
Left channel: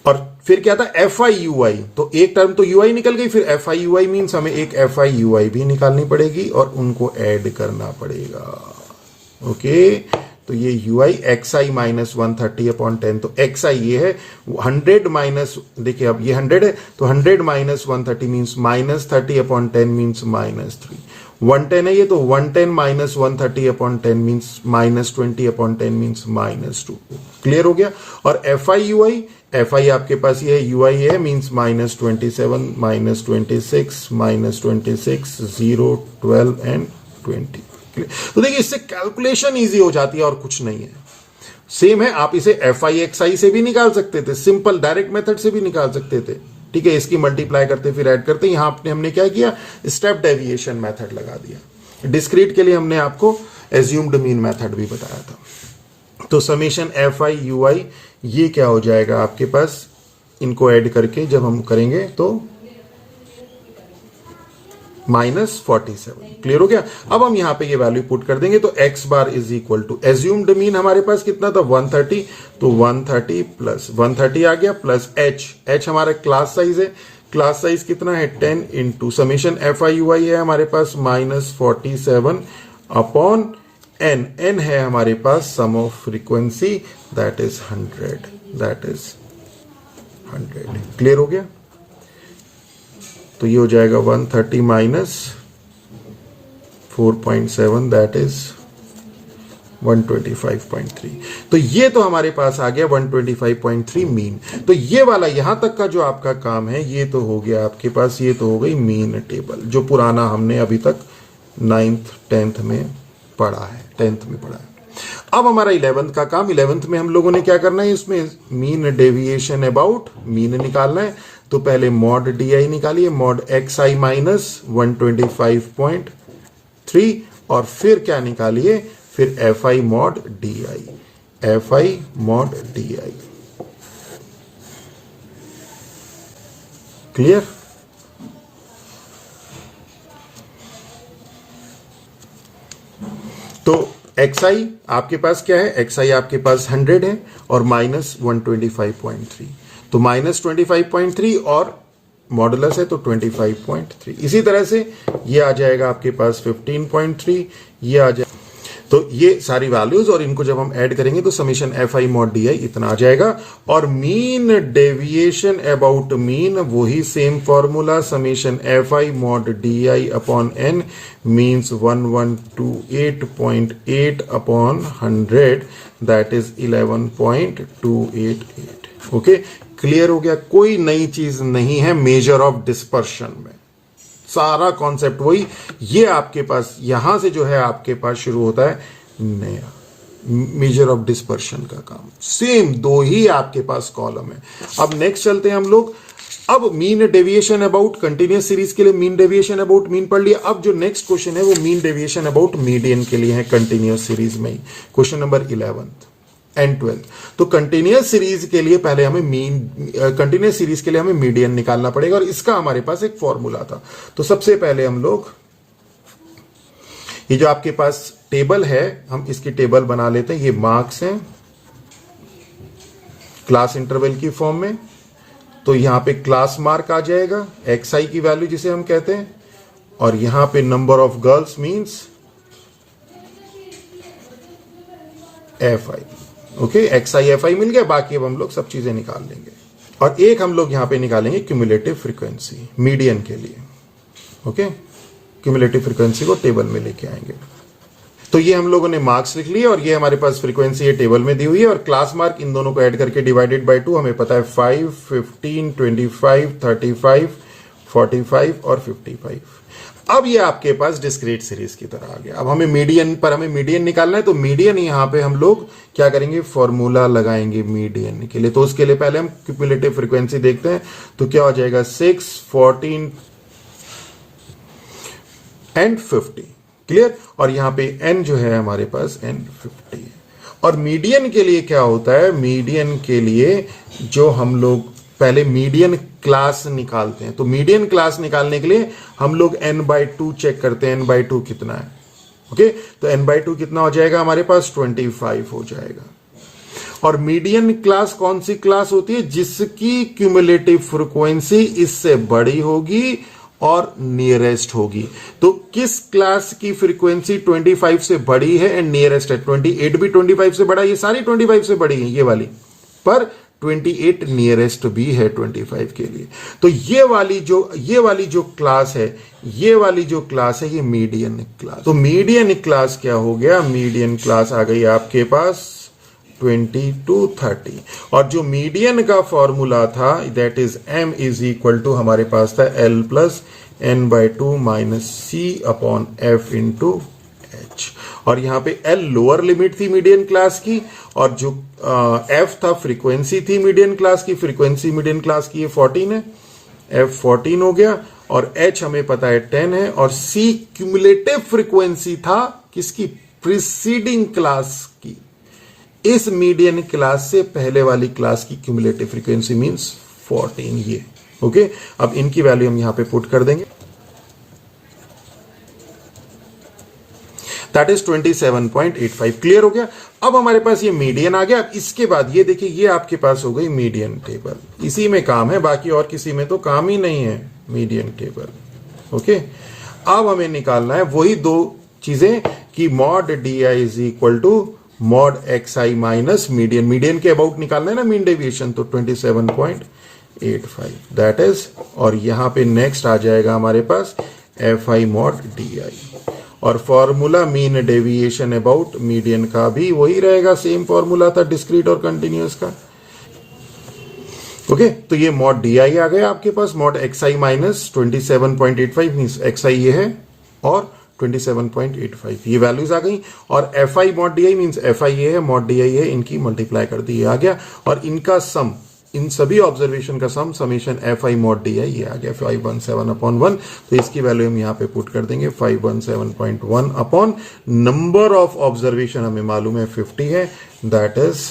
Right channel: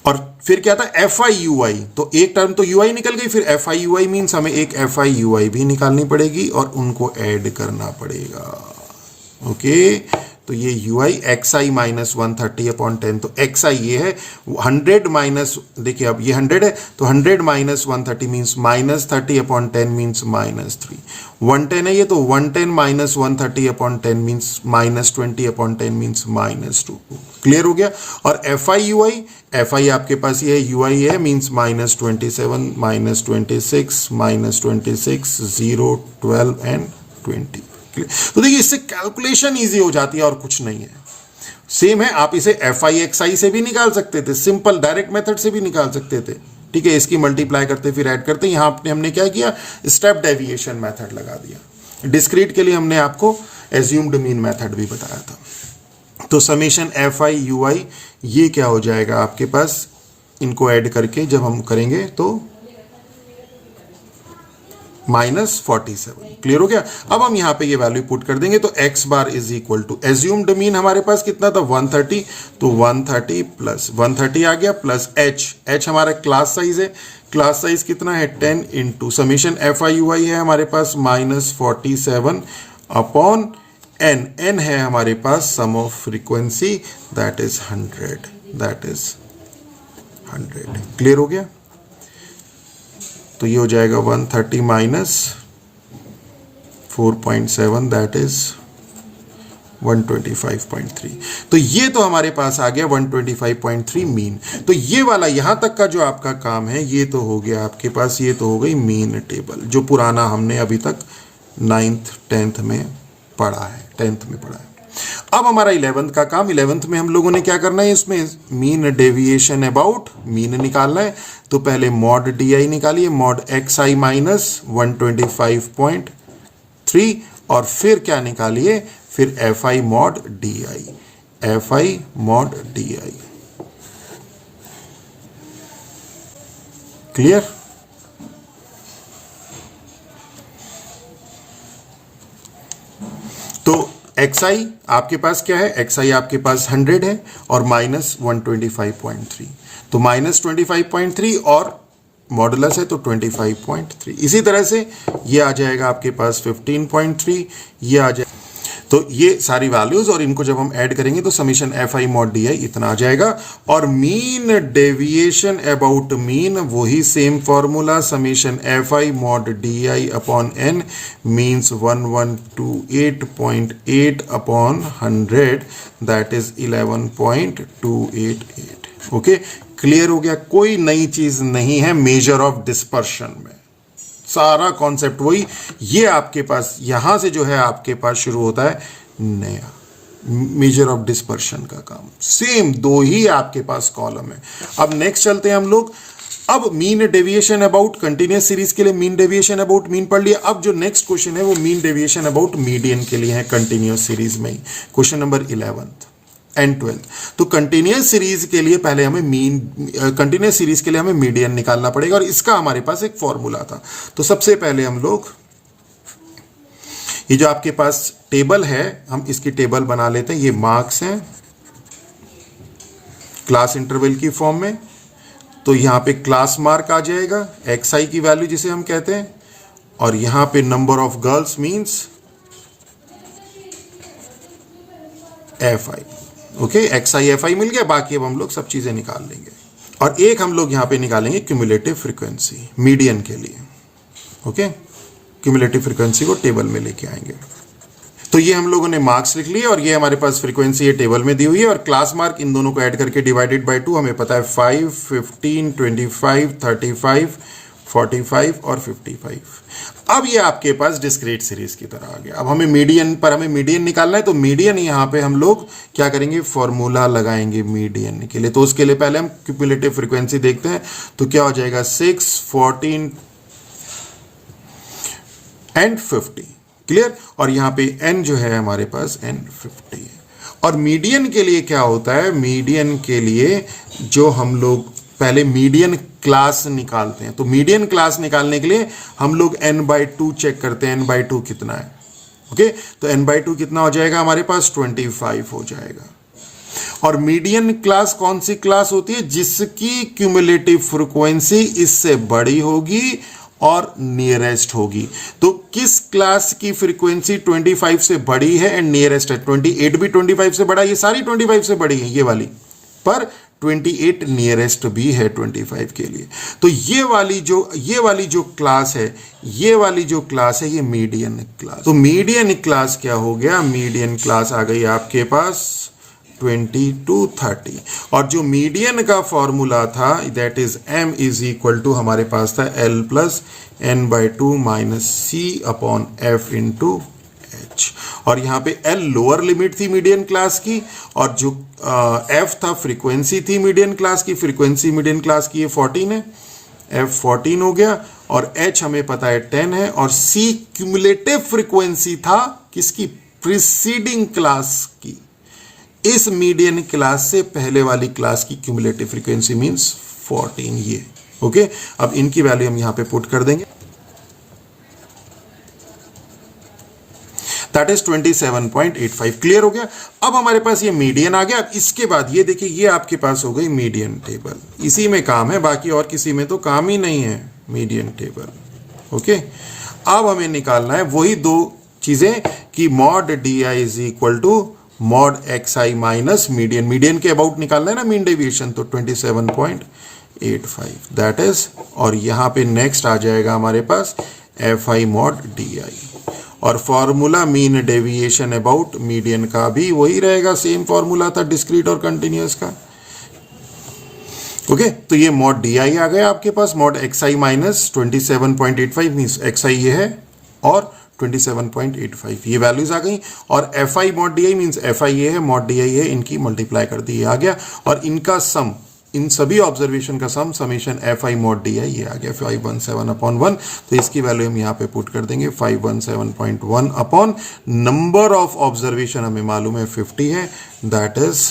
और फिर क्या था एफ आई यू आई, तो एक टर्म तो यू आई निकल गई, फिर F i u I means हमें एक एफ आई यू आई भी निकालनी पड़ेगी और उनको ऐड करना पड़ेगा। ओके, तो ये you I x I minus 130 upon 10, तो एक्स आई ये है 100 माइनस, देखिए अब ये 100 है तो 100 minus 130 means minus 30 upon 10 means minus 3। 110 है ये, तो 110 minus 130 upon 10 means minus 20 upon 10 means minus 2। Clear हो गया। और F i u I, f आई आपके पास ये है, यू आई है means minus 27 minus 26 minus 26 0 12 and 20। तो देखिए इससे कैलकुलेशन इजी हो जाती है और कुछ नहीं है। सेम है, आप इसे एफ आई एक्स आई से भी निकाल सकते थे, सिंपल डायरेक्ट मेथड से भी निकाल सकते थे। ठीक है, इसकी मल्टीप्लाई करते फिर ऐड करते। यहां पे हमने क्या किया, स्टेप डेविएशन मेथड लगा दिया। डिस्क्रीट के लिए हमने आपको एज्यूम्ड मीन मेथड भी बताया था। तो समेशन एफ आई यू आई ये क्या हो जाएगा आपके पास, इनको ऐड करके जब हम करेंगे तो -47। क्लियर हो गया। अब हम यहां पे ये वैल्यू पुट कर देंगे, तो x bar is equal to assumed mean हमारे पास कितना था 130, तो 130 प्लस 130 आ गया प्लस h हमारा क्लास साइज है, क्लास साइज कितना है 10 into summation F i u i है हमारे पास -47 अपॉन n है हमारे पास sum of frequency that is 100। Clear हो गया। तो ये हो जाएगा 130 माइनस 4.7 दैट इज 125.3। तो ये तो हमारे पास आ गया 125.3 मीन। तो ये वाला यहां तक का जो आपका काम है ये तो हो गया आपके पास, ये तो हो गई मीन टेबल जो पुराना हमने अभी तक 9th 10th में पढ़ा है, 10th में पढ़ा है। अब हमारा 11th का काम, 11th में हम लोगों ने क्या करना है, इसमें मीन डेविएशन अबाउट मीन निकालना है। तो पहले मॉड डी आई निकालिए, मॉड एक्स आई माइनस 125.3 और फिर क्या निकालिए, फिर F I mod D I, f I mod D I. Clear? तो एक्स आई आपके पास क्या है, एक्स आई आपके पास 100 है और माइनस 125.3, तो माइनस 25.3 और मॉडुलस है तो 25.3। इसी तरह से ये आ जाएगा आपके पास 15.3, ये आ जाएगा। तो ये सारी वैल्यूज और इनको जब हम ऐड करेंगे तो summation F I mod D I इतना आ जाएगा। और मीन डेविएशन अबाउट मीन, वही same formula, summation F I mod D I upon N means 1128.8 upon 100, that is 11.288। Okay, clear हो गया? कोई नई चीज नहीं है मेजर ऑफ डिस्पर्शन में, सारा कॉन्सेप्ट वही। ये आपके पास यहां से जो है आपके पास शुरू होता है नया मेजर ऑफ डिस्पर्शन का काम। सेम दो ही आपके पास कॉलम है। अब नेक्स्ट चलते हैं हम लोग। अब mean deviation about continuous series के लिए मीन डेविएशन अबाउट मीन पढ़ लिया। अब जो नेक्स्ट क्वेश्चन है वो मीन डेविएशन अबाउट मीडियन के लिए है कंटिन्यूअस सीरीज में ही, क्वेश्चन नंबर 11 एंड 12। तो कंटिन्यूअस सीरीज के लिए पहले हमें कंटिन्यूअस सीरीज के लिए हमें मीडियन निकालना पड़ेगा और इसका हमारे पास एक फॉर्मूला था। तो सबसे पहले हम लोग ये जो आपके पास टेबल है, हम इसकी टेबल बना लेते हैं। ये मार्क्स हैं क्लास इंटरवल की फॉर्म में, तो यहां पे क्लास मार्क आ जाएगा, एक्स आई की वैल्यू जिसे हम कहते हैं, और यहां पे number of girls means f i. Okay, x i f i मिल गया। बाकी अब हम लोग सब चीजें निकाल लेंगे और एक हम लोग यहां पे निकालेंगे क्यूमुलेटिव फ्रीक्वेंसी मीडियन के लिए। ओके, क्यूमुलेटिव फ्रीक्वेंसी को टेबल में लेके आएंगे। तो ये हम लोगों ने मार्क्स लिख लिए और ये हमारे पास फ्रीक्वेंसी ये टेबल में दी हुई है और क्लास मार्क इन दोनों को ऐड करके डिवाइडेड बाय 2 हमें पता है 5, 15, 25, 35, 45 और 55। अब ये आपके पास डिस्क्रीट सीरीज की तरह आ गया। अब हमें मीडियन निकालना है, तो मीडियन यहां पे हम लोग क्या करेंगे, फॉर्मूला लगाएंगे मीडियन के लिए। तो उसके लिए पहले हम क्यूमुलेटिव फ्रीक्वेंसी देखते हैं। तो क्या हो जाएगा 6, 14 एंड 50। क्लियर? और यहां पे n जो है हमारे पास n 50 है। और मीडियन के लिए क्या होता है, मीडियन के लिए जो हम लोग पहले मीडियन क्लास निकालते हैं। तो मीडियन क्लास निकालने के लिए हम लोग n/2 चेक करते हैं, n/2 कितना है। ओके, तो n/2 कितना हो जाएगा हमारे पास, 25 हो जाएगा। और मीडियन क्लास कौन सी क्लास होती है, जिसकी क्यूमुलेटिव फ्रीक्वेंसी इससे बड़ी होगी और नियरेस्ट होगी। तो किस क्लास की फ्रीक्वेंसी 25 से बड़ी है एंड नियरेस्ट है? 28 भी 25 से बड़ा, ये सारी 25 से बड़ी है ये वाली, पर 28 नियरेस्ट भी है 25 के लिए। तो ये वाली जो क्लास है, ये मीडियन क्लास। तो मीडियन क्लास क्या हो गया, मीडियन क्लास आ गई आपके पास 20 to 30। और जो मीडियन का फॉर्मूला था that is m is equal to हमारे पास था l plus n/2 minus c upon f into h। और यहाँ पे l लोअर लिमिट थी मीडियन क्लास की और जो f था फ्रीक्वेंसी थी मीडियन क्लास की। फ्रीक्वेंसी मीडियन क्लास की ये 14 है, f 14 हो गया और h हमें पता है 10 है और c क्यूमुलेटिव फ्रीक्वेंसी था किसकी, प्रीसीडिंग क्लास की। इस मीडियन क्लास से पहले वाली क्लास की क्यूमुलेटिव फ्रीक्वेंसी मींस 14 ये। ओके, अब इनकी वैल्यू हम यहां पे पुट कर देंगे, दैट इज 27.85। क्लियर हो गया? अब हमारे पास ये मीडियन आ गया। अब इसके बाद ये देखिए, ये आपके पास हो गई मीडियन टेबल, इसी में काम है, बाकी और किसी में तो काम ही नहीं है, मीडियन टेबल। ओके, अब हमें निकालना है वही दो चीजें कि mod D I is equal to mod x I minus median. Median के अबाउट निकालना है ना मीन डेविएशन, तो 27.85 दैट इज। और यहां पे नेक्स्ट आ जाएगा हमारे पास f I mod D I और formula mean deviation about median का भी वही रहेगा, सेम फॉर्मूला था डिस्क्रीट और कंटिन्यूअस का। ओके, तो ये मॉड डी आई आ गया आपके पास, mod x I minus 27.85 means x i ये है और 27.85 ये वैल्यूज आ गई। और F I mod D I means f i ये है, मॉड डी आई है, इनकी मल्टीप्लाई कर दी, ये आ गया। और इनका सम इन सभी ऑब्जर्वेशन का sum summation F I mod D i, ये आ गया 517/1। तो इसकी वैल्यू हम यहाँ पे पुट कर देंगे 517.1 अपॉन नंबर ऑफ ऑब्जर्वेशन हमें मालूम है 50 है, दैट इज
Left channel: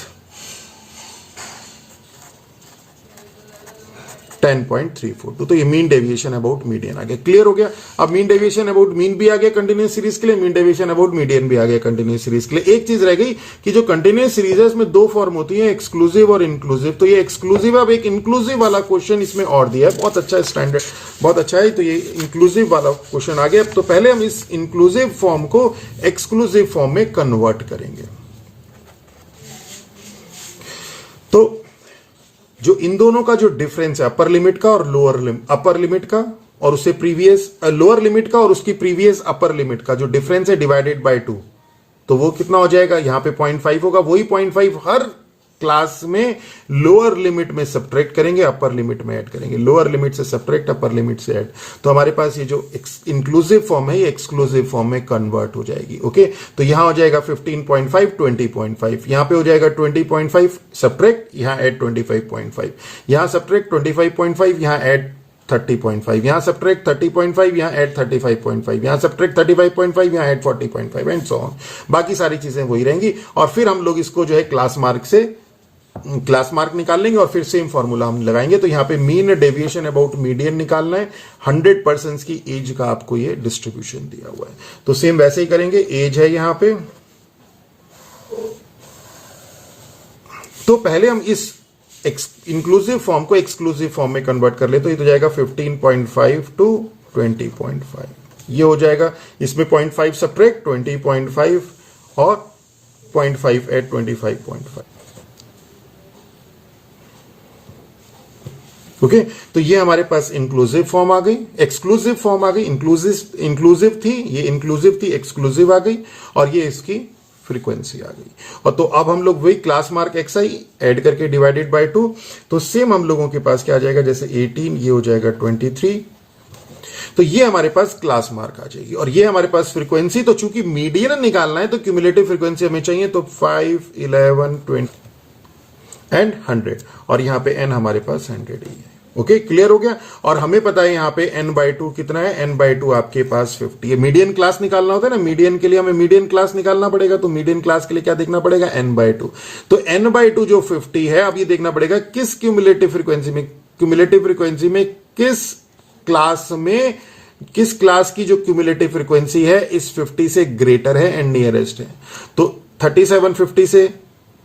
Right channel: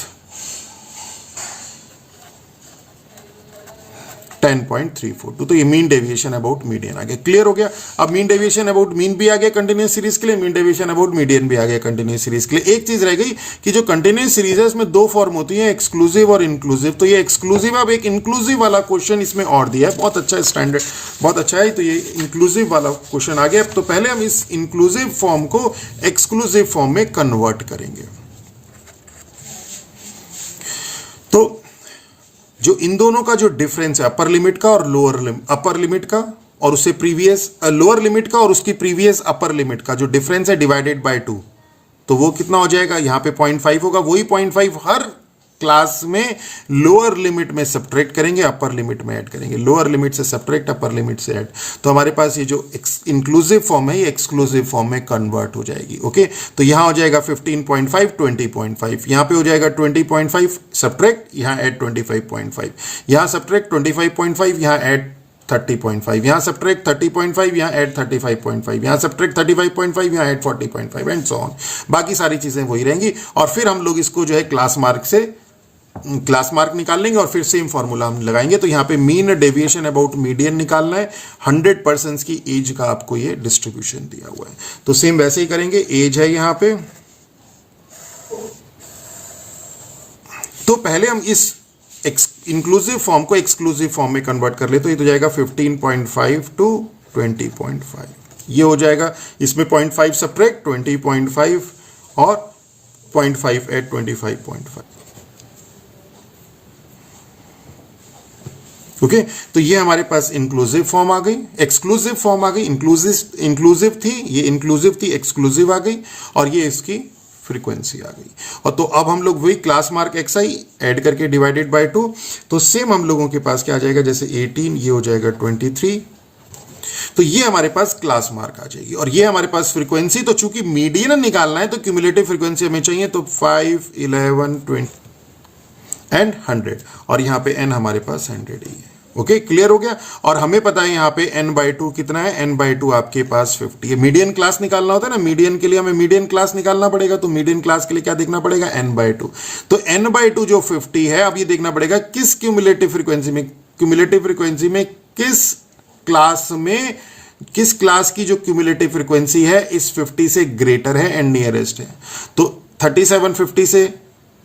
10.342। तो ये मीन डेविएशन अबाउट मीडियन आ गया। क्लियर हो गया। अब मीन डेविएशन अबाउट मीन भी आ गया कंटिन्यूस सीरीज के लिए, मीन डेविएशन अबाउट मीडियन भी आ गया कंटिन्यूस सीरीज के लिए। एक चीज रह गई कि जो कंटिन्यूस सीरीज है उसमें दो फॉर्म होती है, एक्सक्लूसिव और इंक्लूसिव। तो ये एक्सक्लूसिव, अब एक इंक्लूसिव वाला क्वेश्चन इसमें और दिया है, बहुत अच्छा स्टैंडर्ड, बहुत अच्छा है। तो ये इंक्लूसिव वाला क्वेश्चन आ गया। तो पहले हम इस इंक्लूसिव फॉर्म को एक्सक्लूसिव फॉर्म में कन्वर्ट करेंगे। तो जो इन दोनों का जो डिफरेंस है अपर लिमिट का और लोअर लिमिट, अपर लिमिट का और उससे प्रीवियस लोअर लिमिट का और उसकी प्रीवियस अपर लिमिट का जो डिफरेंस है डिवाइडेड बाय 2, तो वो कितना हो जाएगा, यहां पे 0.5 होगा। वही 0.5 हर क्लास में लोअर लिमिट में सब्ट्रैक्ट करेंगे, अपर लिमिट में ऐड करेंगे। लोअर लिमिट से सब्ट्रैक्ट, अपर लिमिट से ऐड। तो हमारे पास ये जो इंक्लूसिव फॉर्म है ये एक्सक्लूसिव फॉर्म में कन्वर्ट हो जाएगी। ओके, तो यहां हो जाएगा 15.5 20.5, यहां पे हो जाएगा 20.5 सब्ट्रैक्ट, यहां ऐड 25.5, यहां सब्ट्रैक्ट 25.5, यहां ऐड 30.5, यहां सब्ट्रैक्ट 30.5, यहां ऐड 35.5, यहां सब्ट्रैक्ट 35.5, यहां ऐड 40.5 एंड सो ऑन। बाकी सारी चीजें वही रहेंगी। और फिर हम लोग इसको जो है क्लास मार्क निकाल लेंगे और फिर सेम फॉर्मूला हम लगाएंगे। तो यहां पे मीन डेविएशन अबाउट मीडियन निकालना है। 100% की एज का आपको ये डिस्ट्रीब्यूशन दिया हुआ है, तो सेम वैसे ही करेंगे। एज है यहां पे, तो पहले हम इस इंक्लूसिव फॉर्म को एक्सक्लूसिव फॉर्म में कन्वर्ट कर ले। तो ये तो जाएगा 15.5 टू 20.5, ये हो जाएगा। इसमें 0.5 सब्ट्रैक्ट 20.5 और 0.5 एट 25.5। ओके, तो ये हमारे पास इंक्लूसिव फॉर्म आ गई, एक्सक्लूसिव फॉर्म आ गई। इंक्लूसिव थी, ये इंक्लूसिव थी, एक्सक्लूसिव आ गई, और ये इसकी फ्रीक्वेंसी आ गई। और तो अब हम लोग वही class mark x I add करके डिवाइडेड बाय 2, तो सेम हम लोगों के पास क्या आ जाएगा, जैसे 18, ये हो जाएगा 23, तो ये हमारे पास क्लास मार्क आ जाएगी। और ये हमारे पास फ्रीक्वेंसी, तो चूंकि मीडियन निकालना है तो क्यूमुलेटिव फ्रीक्वेंसी हमें चाहिए, तो 5, 11, 20 एंड 100, और यहां पे n हमारे पास 100 ही है। ओके, क्लियर हो गया। और हमें पता है यहाँ पे n/2 कितना है, n/2 आपके पास 50 है। मीडियन क्लास निकालना होता है ना, मीडियन के लिए हमें मीडियन क्लास निकालना पड़ेगा। तो मीडियन क्लास के लिए क्या देखना पड़ेगा, n/2। तो n/2 जो 50 है, अब ये देखना पड़ेगा किस क्यूमुलेटिव फ्रीक्वेंसी में, किस क्लास की जो क्यूमुलेटिव फ्रीक्वेंसी है इस 50 से ग्रेटर है एंड नियरेस्ट है। तो 37 50 से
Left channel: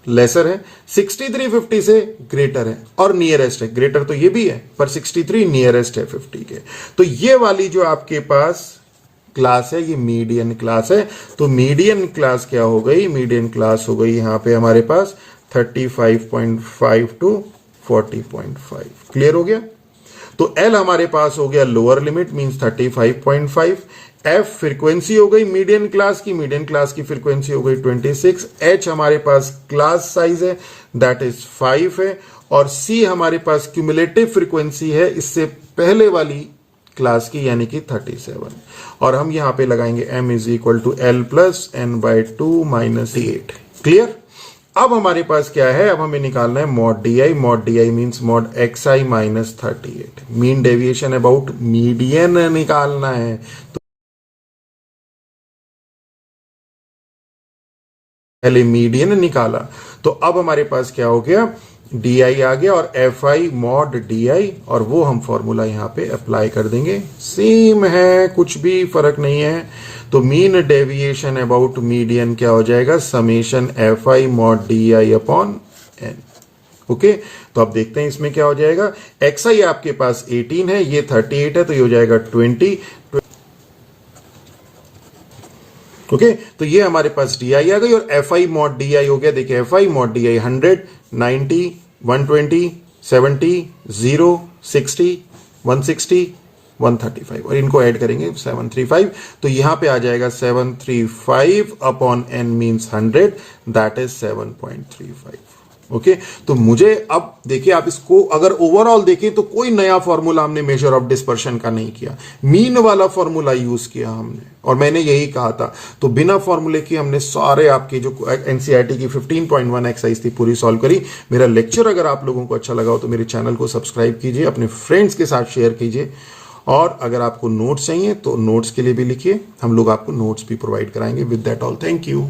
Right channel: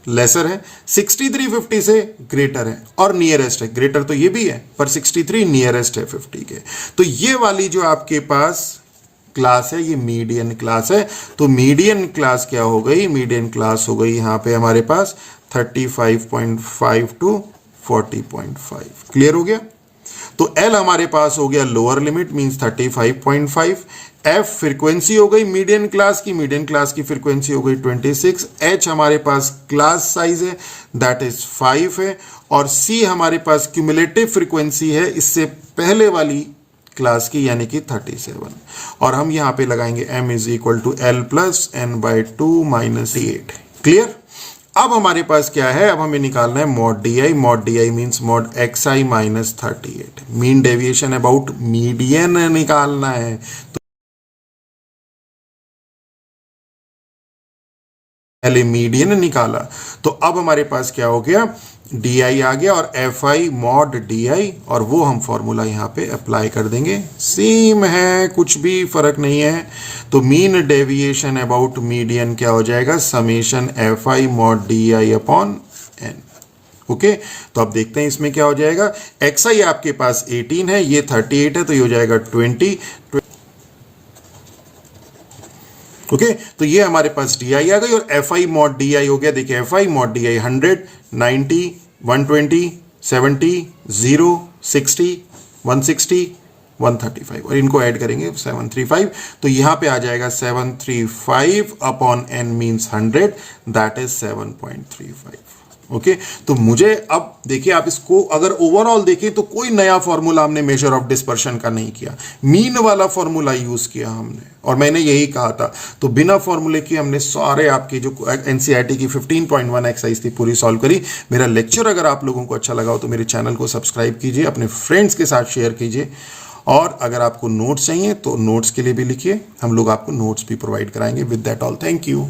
लेसर है, 63 50 से ग्रेटर है और नियरेस्ट है। ग्रेटर तो ये भी है, पर 63 नियरेस्ट है 50 के। तो ये वाली जो आपके पास क्लास है ये मीडियन क्लास है। तो मीडियन क्लास क्या हो गई, मीडियन क्लास हो गई यहां पे हमारे पास 35.5 टू 40.5। क्लियर हो गया। तो L हमारे पास हो गया lower limit, means 35.5। F frequency हो गई मीडियन क्लास की फ्रीक्वेंसी हो गई 26। H हमारे पास क्लास साइज है, दैट इज 5 है। और C हमारे पास क्यूमुलेटिव फ्रीक्वेंसी है इससे पहले वाली क्लास की, यानी कि 37। और हम यहां पे लगाएंगे m is equal to L plus n/2 minus 8। Clear. अब हमारे पास क्या है, अब हमें निकालना है mod D I means mod x I minus 38। Mean deviation about median निकालना है। तो पहले मीडियन निकाला, तो अब हमारे पास क्या हो गया, डी आई आ गया और F I mod D I, और वो हम फॉर्मूला यहां पे अप्लाई कर देंगे। सेम है, कुछ भी फर्क नहीं है। तो मीन डेविएशन अबाउट मीडियन क्या हो जाएगा, summation F I mod D I upon N. Okay, तो अब देखते हैं इसमें क्या हो जाएगा। एक्स आई आपके पास 18 है, ये 38 है, तो ये हो जाएगा 20। ओके, तो ये हमारे पास डी आई आ गई और F I mod D I हो गया। देखिए F I mod D I 100, 90, 120, 70, 0, 60, 160, 135, और इनको ऐड करेंगे 735। तो यहां पे आ जाएगा 735 upon n means 100, that is 7.35। Okay तो मुझे अब देखिए, आप इसको अगर ओवरऑल देखें तो कोई नया फॉर्मूला हमने मेजर ऑफ डिस्पर्शन का नहीं किया, मीन वाला फॉर्मूला यूज किया हमने, और मैंने यही कहा था। तो बिना फॉर्मूले की हमने सारे आपकी जो एनसीईआरटी की 15.1 एक्सरसाइज थी पूरी सॉल्व करी। मेरा लेक्चर अगर आप लोगों को अच्छा लगा हो तो मेरे चैनल को सब्सक्राइब कीजिए, अपने फ्रेंड्स के साथ शेयर कीजिए, और अगर आपको नोट्स चाहिए तो नोट्स के लिए भी लिखिए, हम लोग आपको नोट्स भी प्रोवाइड कराएंगे। With that all, thank you.